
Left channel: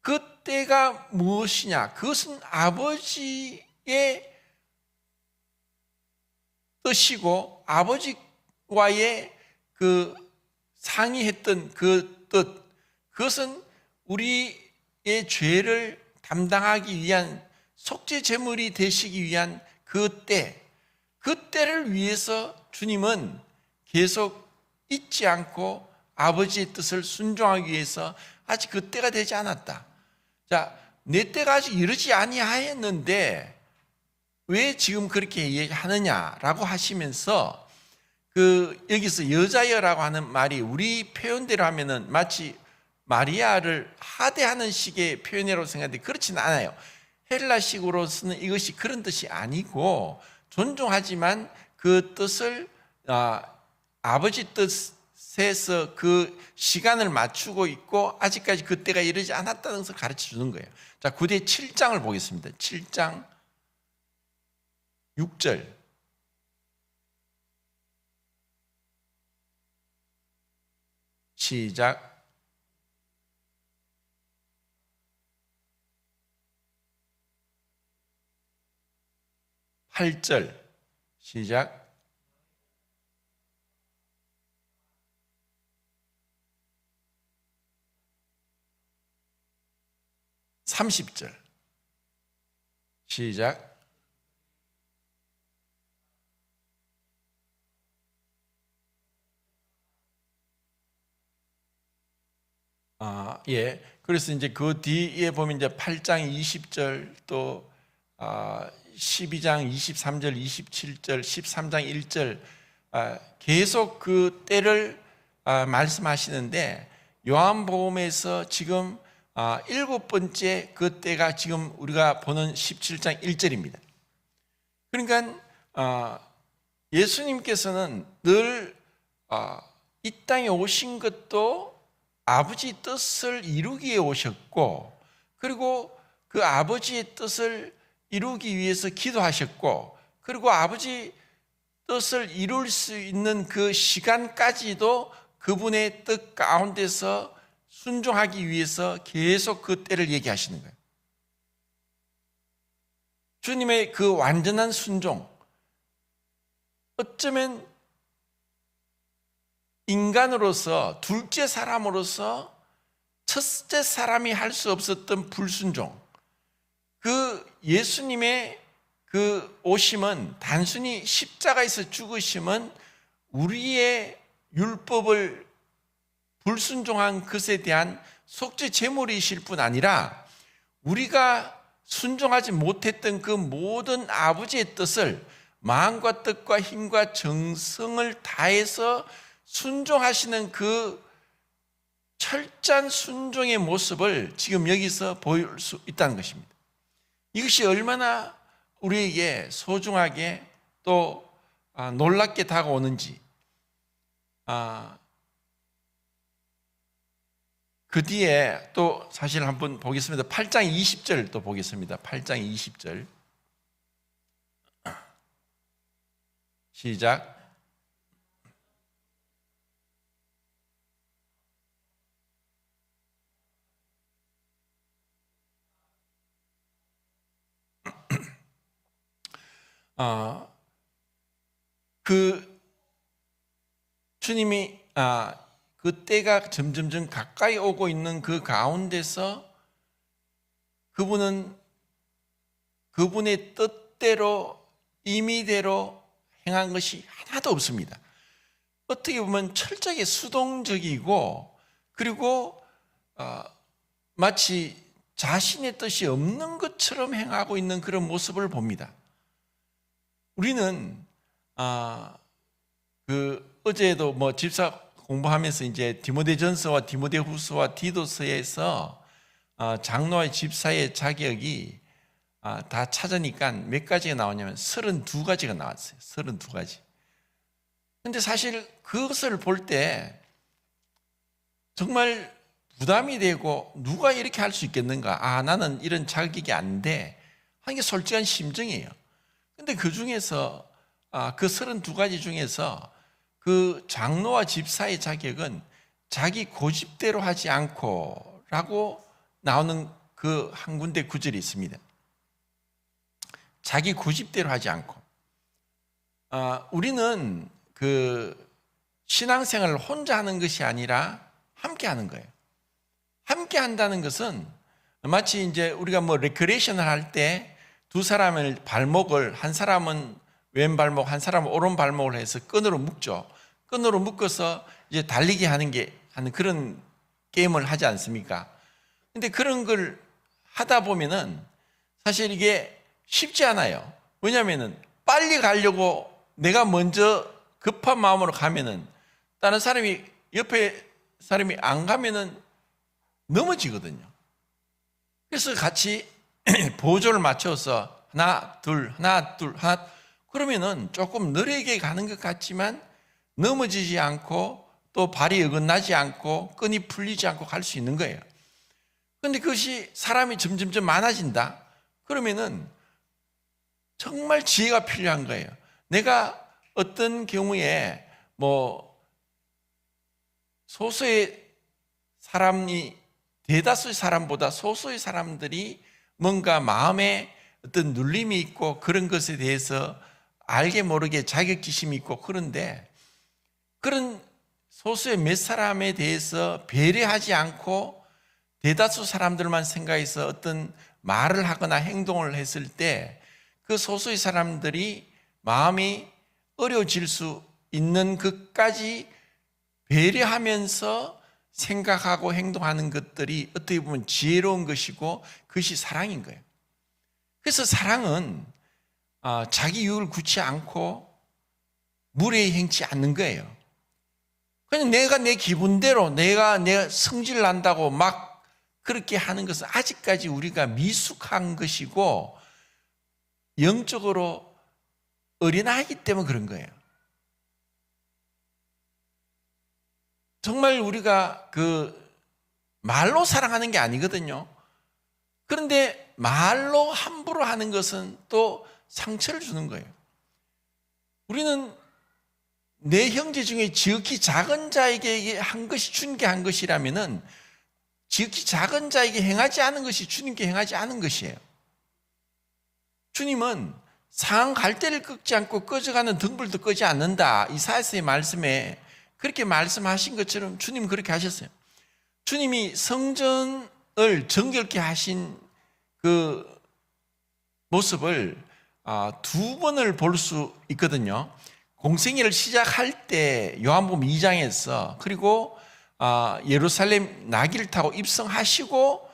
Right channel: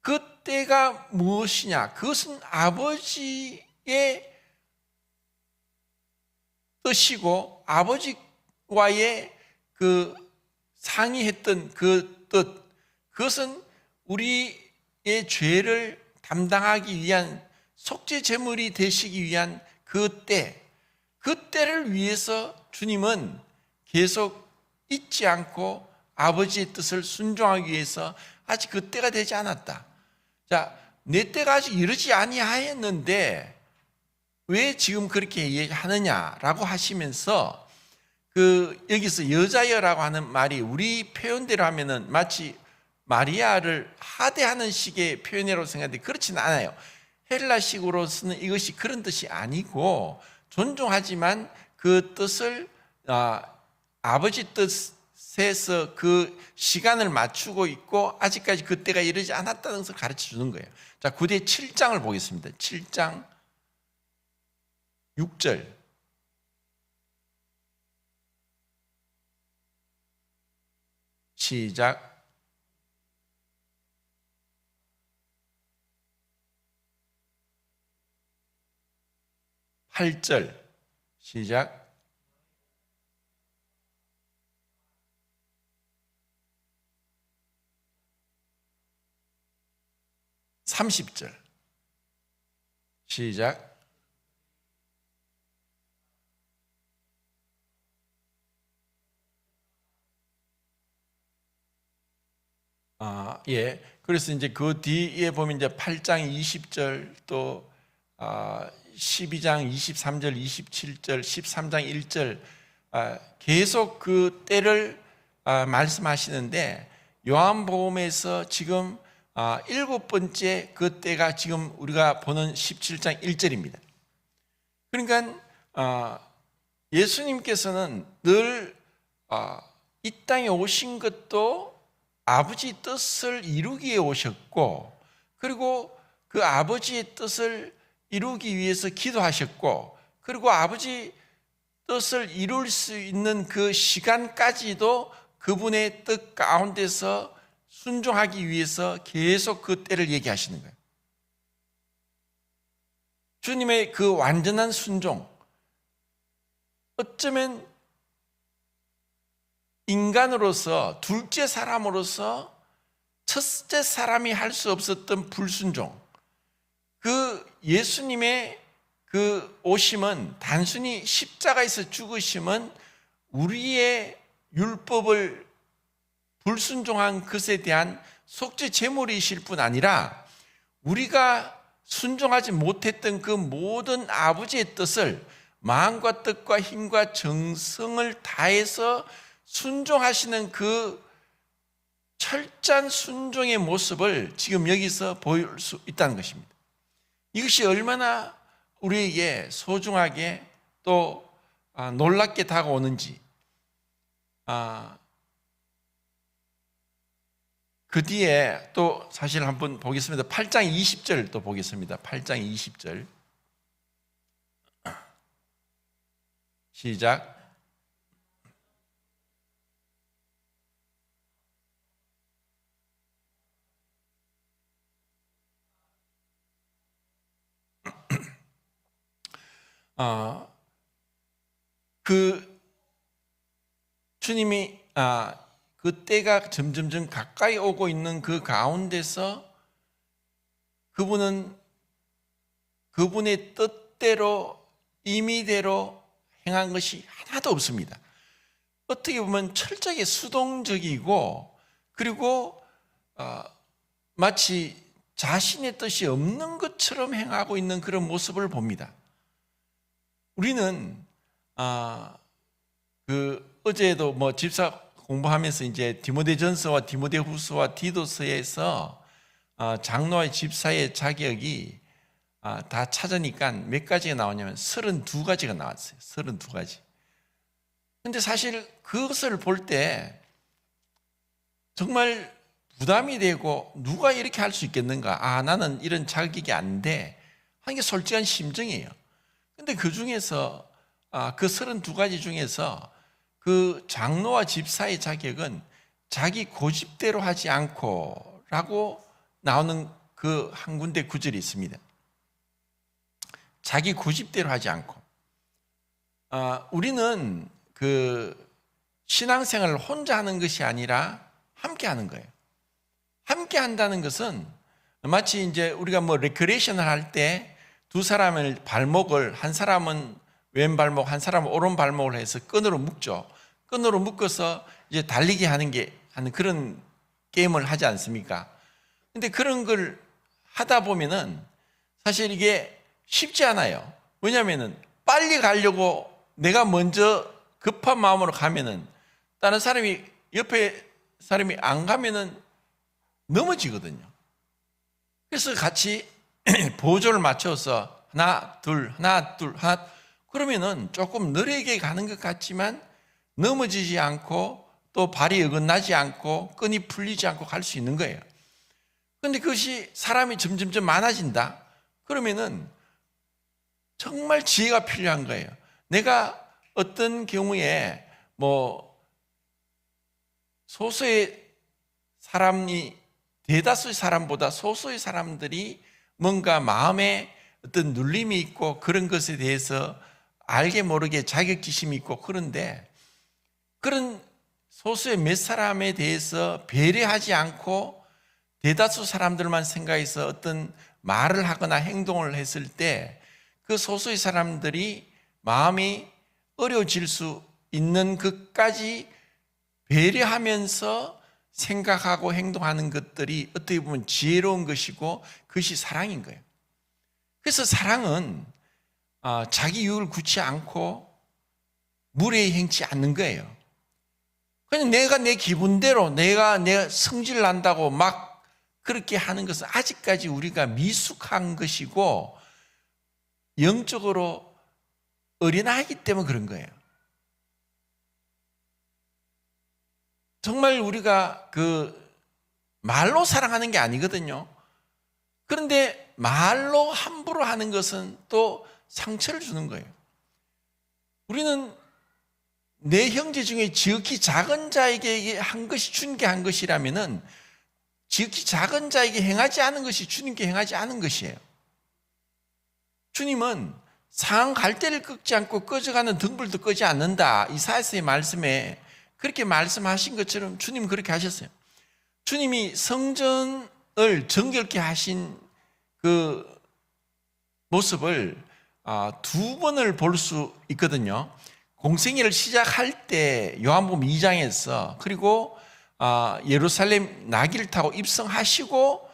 그 때가 무엇이냐? 그것은 아버지의 뜻이고 아버지와의 그 상의했던 그 뜻, 그것은 우리의 죄를 담당하기 위한 속죄 제물이 되시기 위한 그 때, 그 때를 위해서 주님은 계속 잊지 않고 아버지의 뜻을 순종하기 위해서 아직 그 때가 되지 않았다. 자, 내 때가 아직 이르지 아니하였는데 왜 지금 그렇게 얘기하느냐라고 하시면서 여기서 여자여라고 하는 말이 우리 표현대로 하면은 마치 마리아를 하대하는 식의 표현이라고 생각하는데 그렇지는 않아요. 헬라식으로서는 이것이 그런 뜻이 아니고 존중하지만 그 뜻을 아버지 뜻에서 그 시간을 맞추고 있고 아직까지 그때가 이르지 않았다는 것을 가르쳐 주는 거예요. 자, 구대 7장을 보겠습니다. 7장 6절. 시작. 8절. 시작. 30절 시작. 예. 그래서 이제 그 뒤에 보면 이제 8장 20절 또 12장 23절, 27절, 13장 1절 계속 그 때를 말씀하시는데 요한복음에서 지금 7번째 그 때가 지금 우리가 보는 17장 1절입니다. 그러니까 예수님께서는 늘 이 땅에 오신 것도 아버지 뜻을 이루기 위해 오셨고, 그리고 그 아버지의 뜻을 이루기 위해서 기도하셨고, 그리고 아버지 뜻을 이룰 수 있는 그 시간까지도 그분의 뜻 가운데서 순종하기 위해서 계속 그 때를 얘기하시는 거예요. 주님의 그 완전한 순종, 어쩌면 인간으로서 둘째 사람으로서 첫째 사람이 할 수 없었던 불순종, 그 예수님의 그 오심은 단순히 십자가에서 죽으심은 우리의 율법을 불순종한 것에 대한 속죄 제물이실 뿐 아니라 우리가 순종하지 못했던 그 모든 아버지의 뜻을 마음과 뜻과 힘과 정성을 다해서 순종하시는 그 철저한 순종의 모습을 지금 여기서 보일 수 있다는 것입니다. 이것이 얼마나 우리에게 소중하게 또 놀랍게 다가오는지, 그 뒤에 또 사실 한번 보겠습니다. 8장 20절 또 보겠습니다. 8장 20절 시작. 그 주님이 그 때가 점점점 가까이 오고 있는 그 가운데서 그분은 그분의 뜻대로 임의대로 행한 것이 하나도 없습니다. 어떻게 보면 철저하게 수동적이고, 그리고 마치 자신의 뜻이 없는 것처럼 행하고 있는 그런 모습을 봅니다. 우리는 어제도 뭐 집사 공부하면서 이제 디모데전서와 디모데후서와 디도서에서 장로와 집사의 자격이 다 찾으니까 몇 가지가 나오냐면 32가지가 나왔어요. 32가지. 근데 사실 그것을 볼 때 정말 부담이 되고, 누가 이렇게 할 수 있겠는가? 나는 이런 자격이 안 돼. 하는 게 솔직한 심정이에요. 근데 그 중에서 그 32가지 중에서 그 장로와 집사의 자격은 자기 고집대로 하지 않고 라고 나오는 그 한 군데 구절이 있습니다. 자기 고집대로 하지 않고. 우리는 그 신앙생활을 혼자 하는 것이 아니라 함께 하는 거예요. 함께 한다는 것은 마치 이제 우리가 뭐 레크레이션을 할 때 두 사람을 발목을, 한 사람은 왼 발목, 한 사람은 오른 발목을 해서 끈으로 묶죠. 끈으로 묶어서 이제 달리기 하는 그런 게임을 하지 않습니까? 근데 그런 걸 하다 보면은 사실 이게 쉽지 않아요. 왜냐면은 빨리 가려고 내가 먼저 급한 마음으로 가면은 다른 사람이, 옆에 사람이 안 가면은 넘어지거든요. 그래서 같이 보조를 맞춰서 하나, 둘, 그러면은 조금 느리게 가는 것 같지만 넘어지지 않고 또 발이 어긋나지 않고 끈이 풀리지 않고 갈 수 있는 거예요. 그런데 그것이 사람이 점점점 많아진다. 그러면은 정말 지혜가 필요한 거예요. 내가 어떤 경우에 뭐 소수의 사람이 대다수의 사람보다 소수의 사람들이 뭔가 마음에 어떤 눌림이 있고 그런 것에 대해서 알게 모르게 자격지심이 있고, 그런데 그런 소수의 몇 사람에 대해서 배려하지 않고 대다수 사람들만 생각해서 어떤 말을 하거나 행동을 했을 때 그 소수의 사람들이 마음이 어려워질 수 있는 것까지 배려하면서 생각하고 행동하는 것들이 어떻게 보면 지혜로운 것이고 그것이 사랑인 거예요. 그래서 사랑은 자기 이익을 굳지 않고 무례히 행치 않는 거예요. 그냥 내가 내 기분대로 내가 성질 난다고 막 그렇게 하는 것은 아직까지 우리가 미숙한 것이고 영적으로 어린아이기 때문에 그런 거예요. 정말 우리가 말로 사랑하는 게 아니거든요. 그런데 말로 함부로 하는 것은 또 상처를 주는 거예요. 우리는 내 형제 중에 지극히 작은 자에게 한 것이 주님께 한 것이라면은 지극히 작은 자에게 행하지 않은 것이 주님께 행하지 않은 것이에요. 주님은 상한 갈대를 꺾지 않고 꺼져가는 등불도 끄지 않는다. 이사야서의 말씀에 그렇게 말씀하신 것처럼 주님은 그렇게 하셨어요. 주님이 성전을 정결케 하신 그 모습을 두 번을 볼 수 있거든요. 공생애를 시작할 때 요한복음 2장에서 그리고 예루살렘 나귀를 타고 입성하시고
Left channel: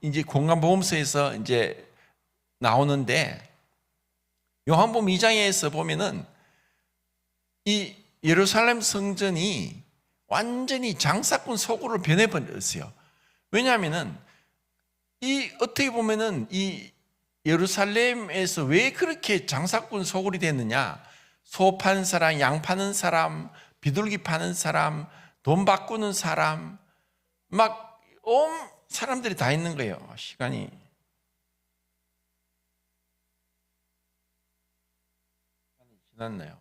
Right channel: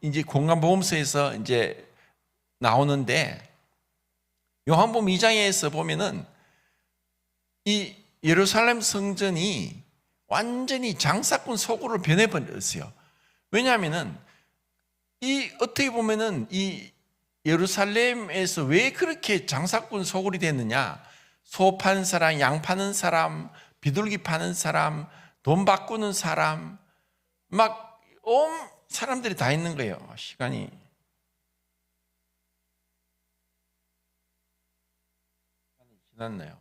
이제 공간보험서에서 이제 나오는데 요한복음 2장에서 보면은 이 예루살렘 성전이 완전히 장사꾼 소굴로 변해버렸어요. 왜냐하면은 어떻게 보면은 이 예루살렘에서 왜 그렇게 장사꾼 소굴이 됐느냐? 소 파는 사람, 양 파는 사람, 비둘기 파는 사람, 돈 바꾸는 사람, 막 온 사람들이 다 있는 거예요. 시간이 지났나요?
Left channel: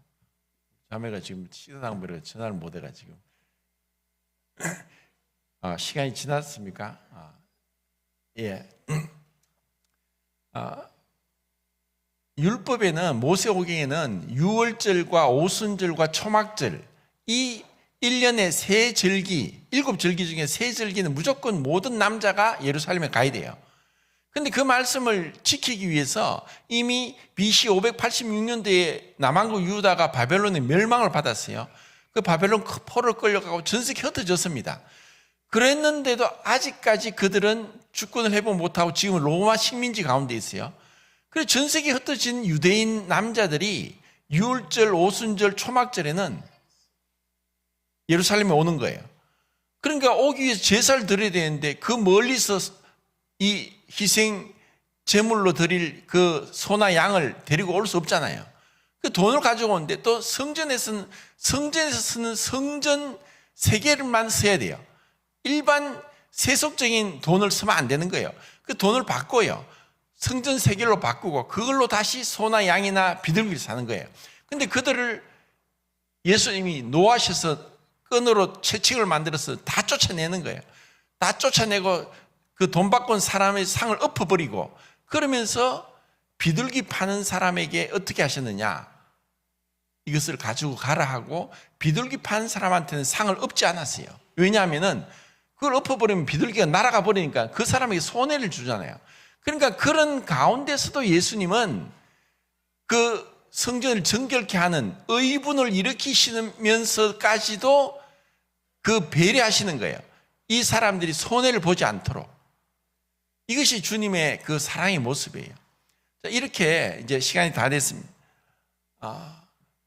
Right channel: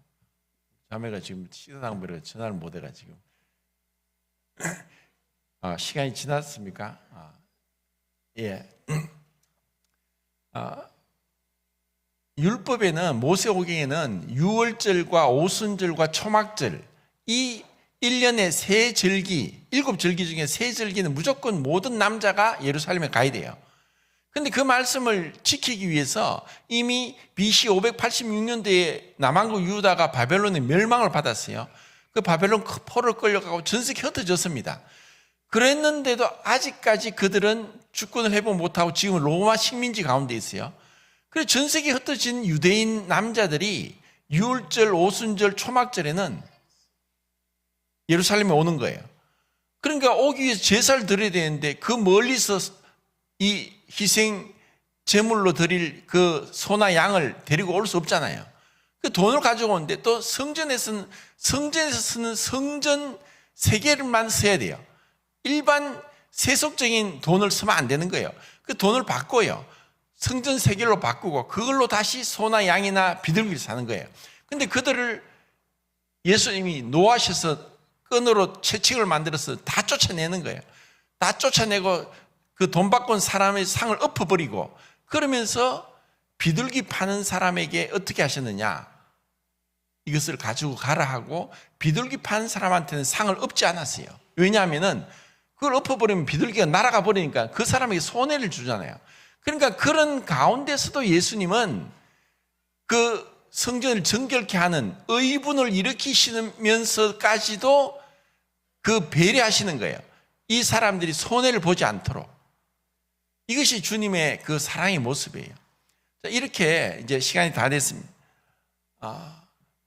자매가 지금 시사당부를 전화를 못 해가지고 시간이 지났습니까? 예. 율법에는 모세오경에는 유월절과 오순절과 초막절 이 1년에 세 절기, 7절기 중에 세 절기는 무조건 모든 남자가 예루살렘에 가야 돼요. 그런데 그 말씀을 지키기 위해서 이미 BC 586년도에 남한국 유다가 바벨론의 멸망을 받았어요. 그 바벨론 포로를 끌려가고 전세계 흩어졌습니다. 그랬는데도 아직까지 그들은 주권을 회복 못하고 지금 로마 식민지 가운데 있어요. 그래서 전세계 흩어진 유대인 남자들이 유월절, 오순절, 초막절에는 예루살렘에 오는 거예요. 그러니까 오기 위해서 제사를 드려야 되는데 그 멀리서 이 희생 제물로 드릴 그 소나 양을 데리고 올 수 없잖아요. 그 돈을 가지고 오는데 또 성전에서 쓰는 성전 세계를만 써야 돼요. 일반 세속적인 돈을 쓰면 안 되는 거예요. 그 돈을 바꿔요. 성전 세계로 바꾸고 그걸로 다시 소나 양이나 비둘기를 사는 거예요. 근데 그들을 예수님이 노하셔서 끈으로 채찍을 만들어서 다 쫓아내는 거예요. 다 쫓아내고 그 돈 바꾼 사람의 상을 엎어버리고 그러면서 비둘기 파는 사람에게 어떻게 하셨느냐? 이것을 가지고 가라 하고 비둘기 파는 사람한테는 상을 엎지 않았어요. 왜냐하면은 그걸 엎어버리면 비둘기가 날아가 버리니까 그 사람에게 손해를 주잖아요. 그러니까 그런 가운데서도 예수님은 그 성전을 정결케 하는 의분을 일으키시면서까지도 그 배려하시는 거예요. 이 사람들이 손해를 보지 않도록. 이것이 주님의 그 사랑의 모습이에요. 자, 이렇게 이제 시간이 다 됐습니다.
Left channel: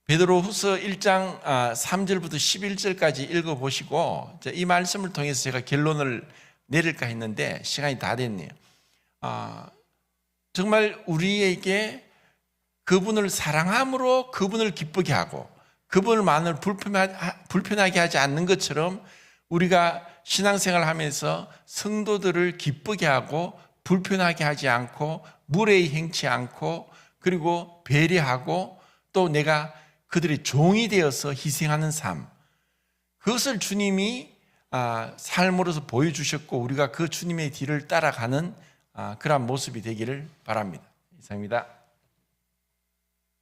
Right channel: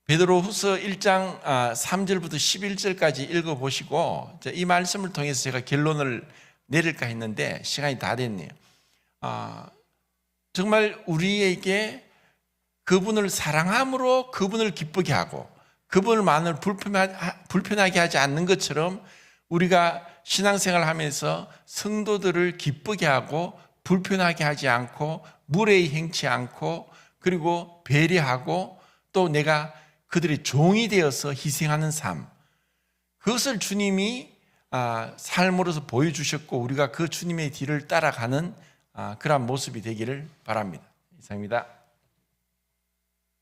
베드로후서 1장 3절부터 11절까지 읽어보시고 이 말씀을 통해서 제가 결론을 내릴까 했는데 시간이 다 됐네요. 정말 우리에게 그분을 사랑함으로 그분을 기쁘게 하고 그분을 마음을 불편하게 하지 않는 것처럼 우리가 신앙생활을 하면서 성도들을 기쁘게 하고 불편하게 하지 않고 무례히 행치 않고 그리고 배려하고 또 내가 그들의 종이 되어서 희생하는 삶, 그것을 주님이 삶으로서 보여주셨고 우리가 그 주님의 뒤를 따라가는 그러한 모습이 되기를 바랍니다. 이상입니다.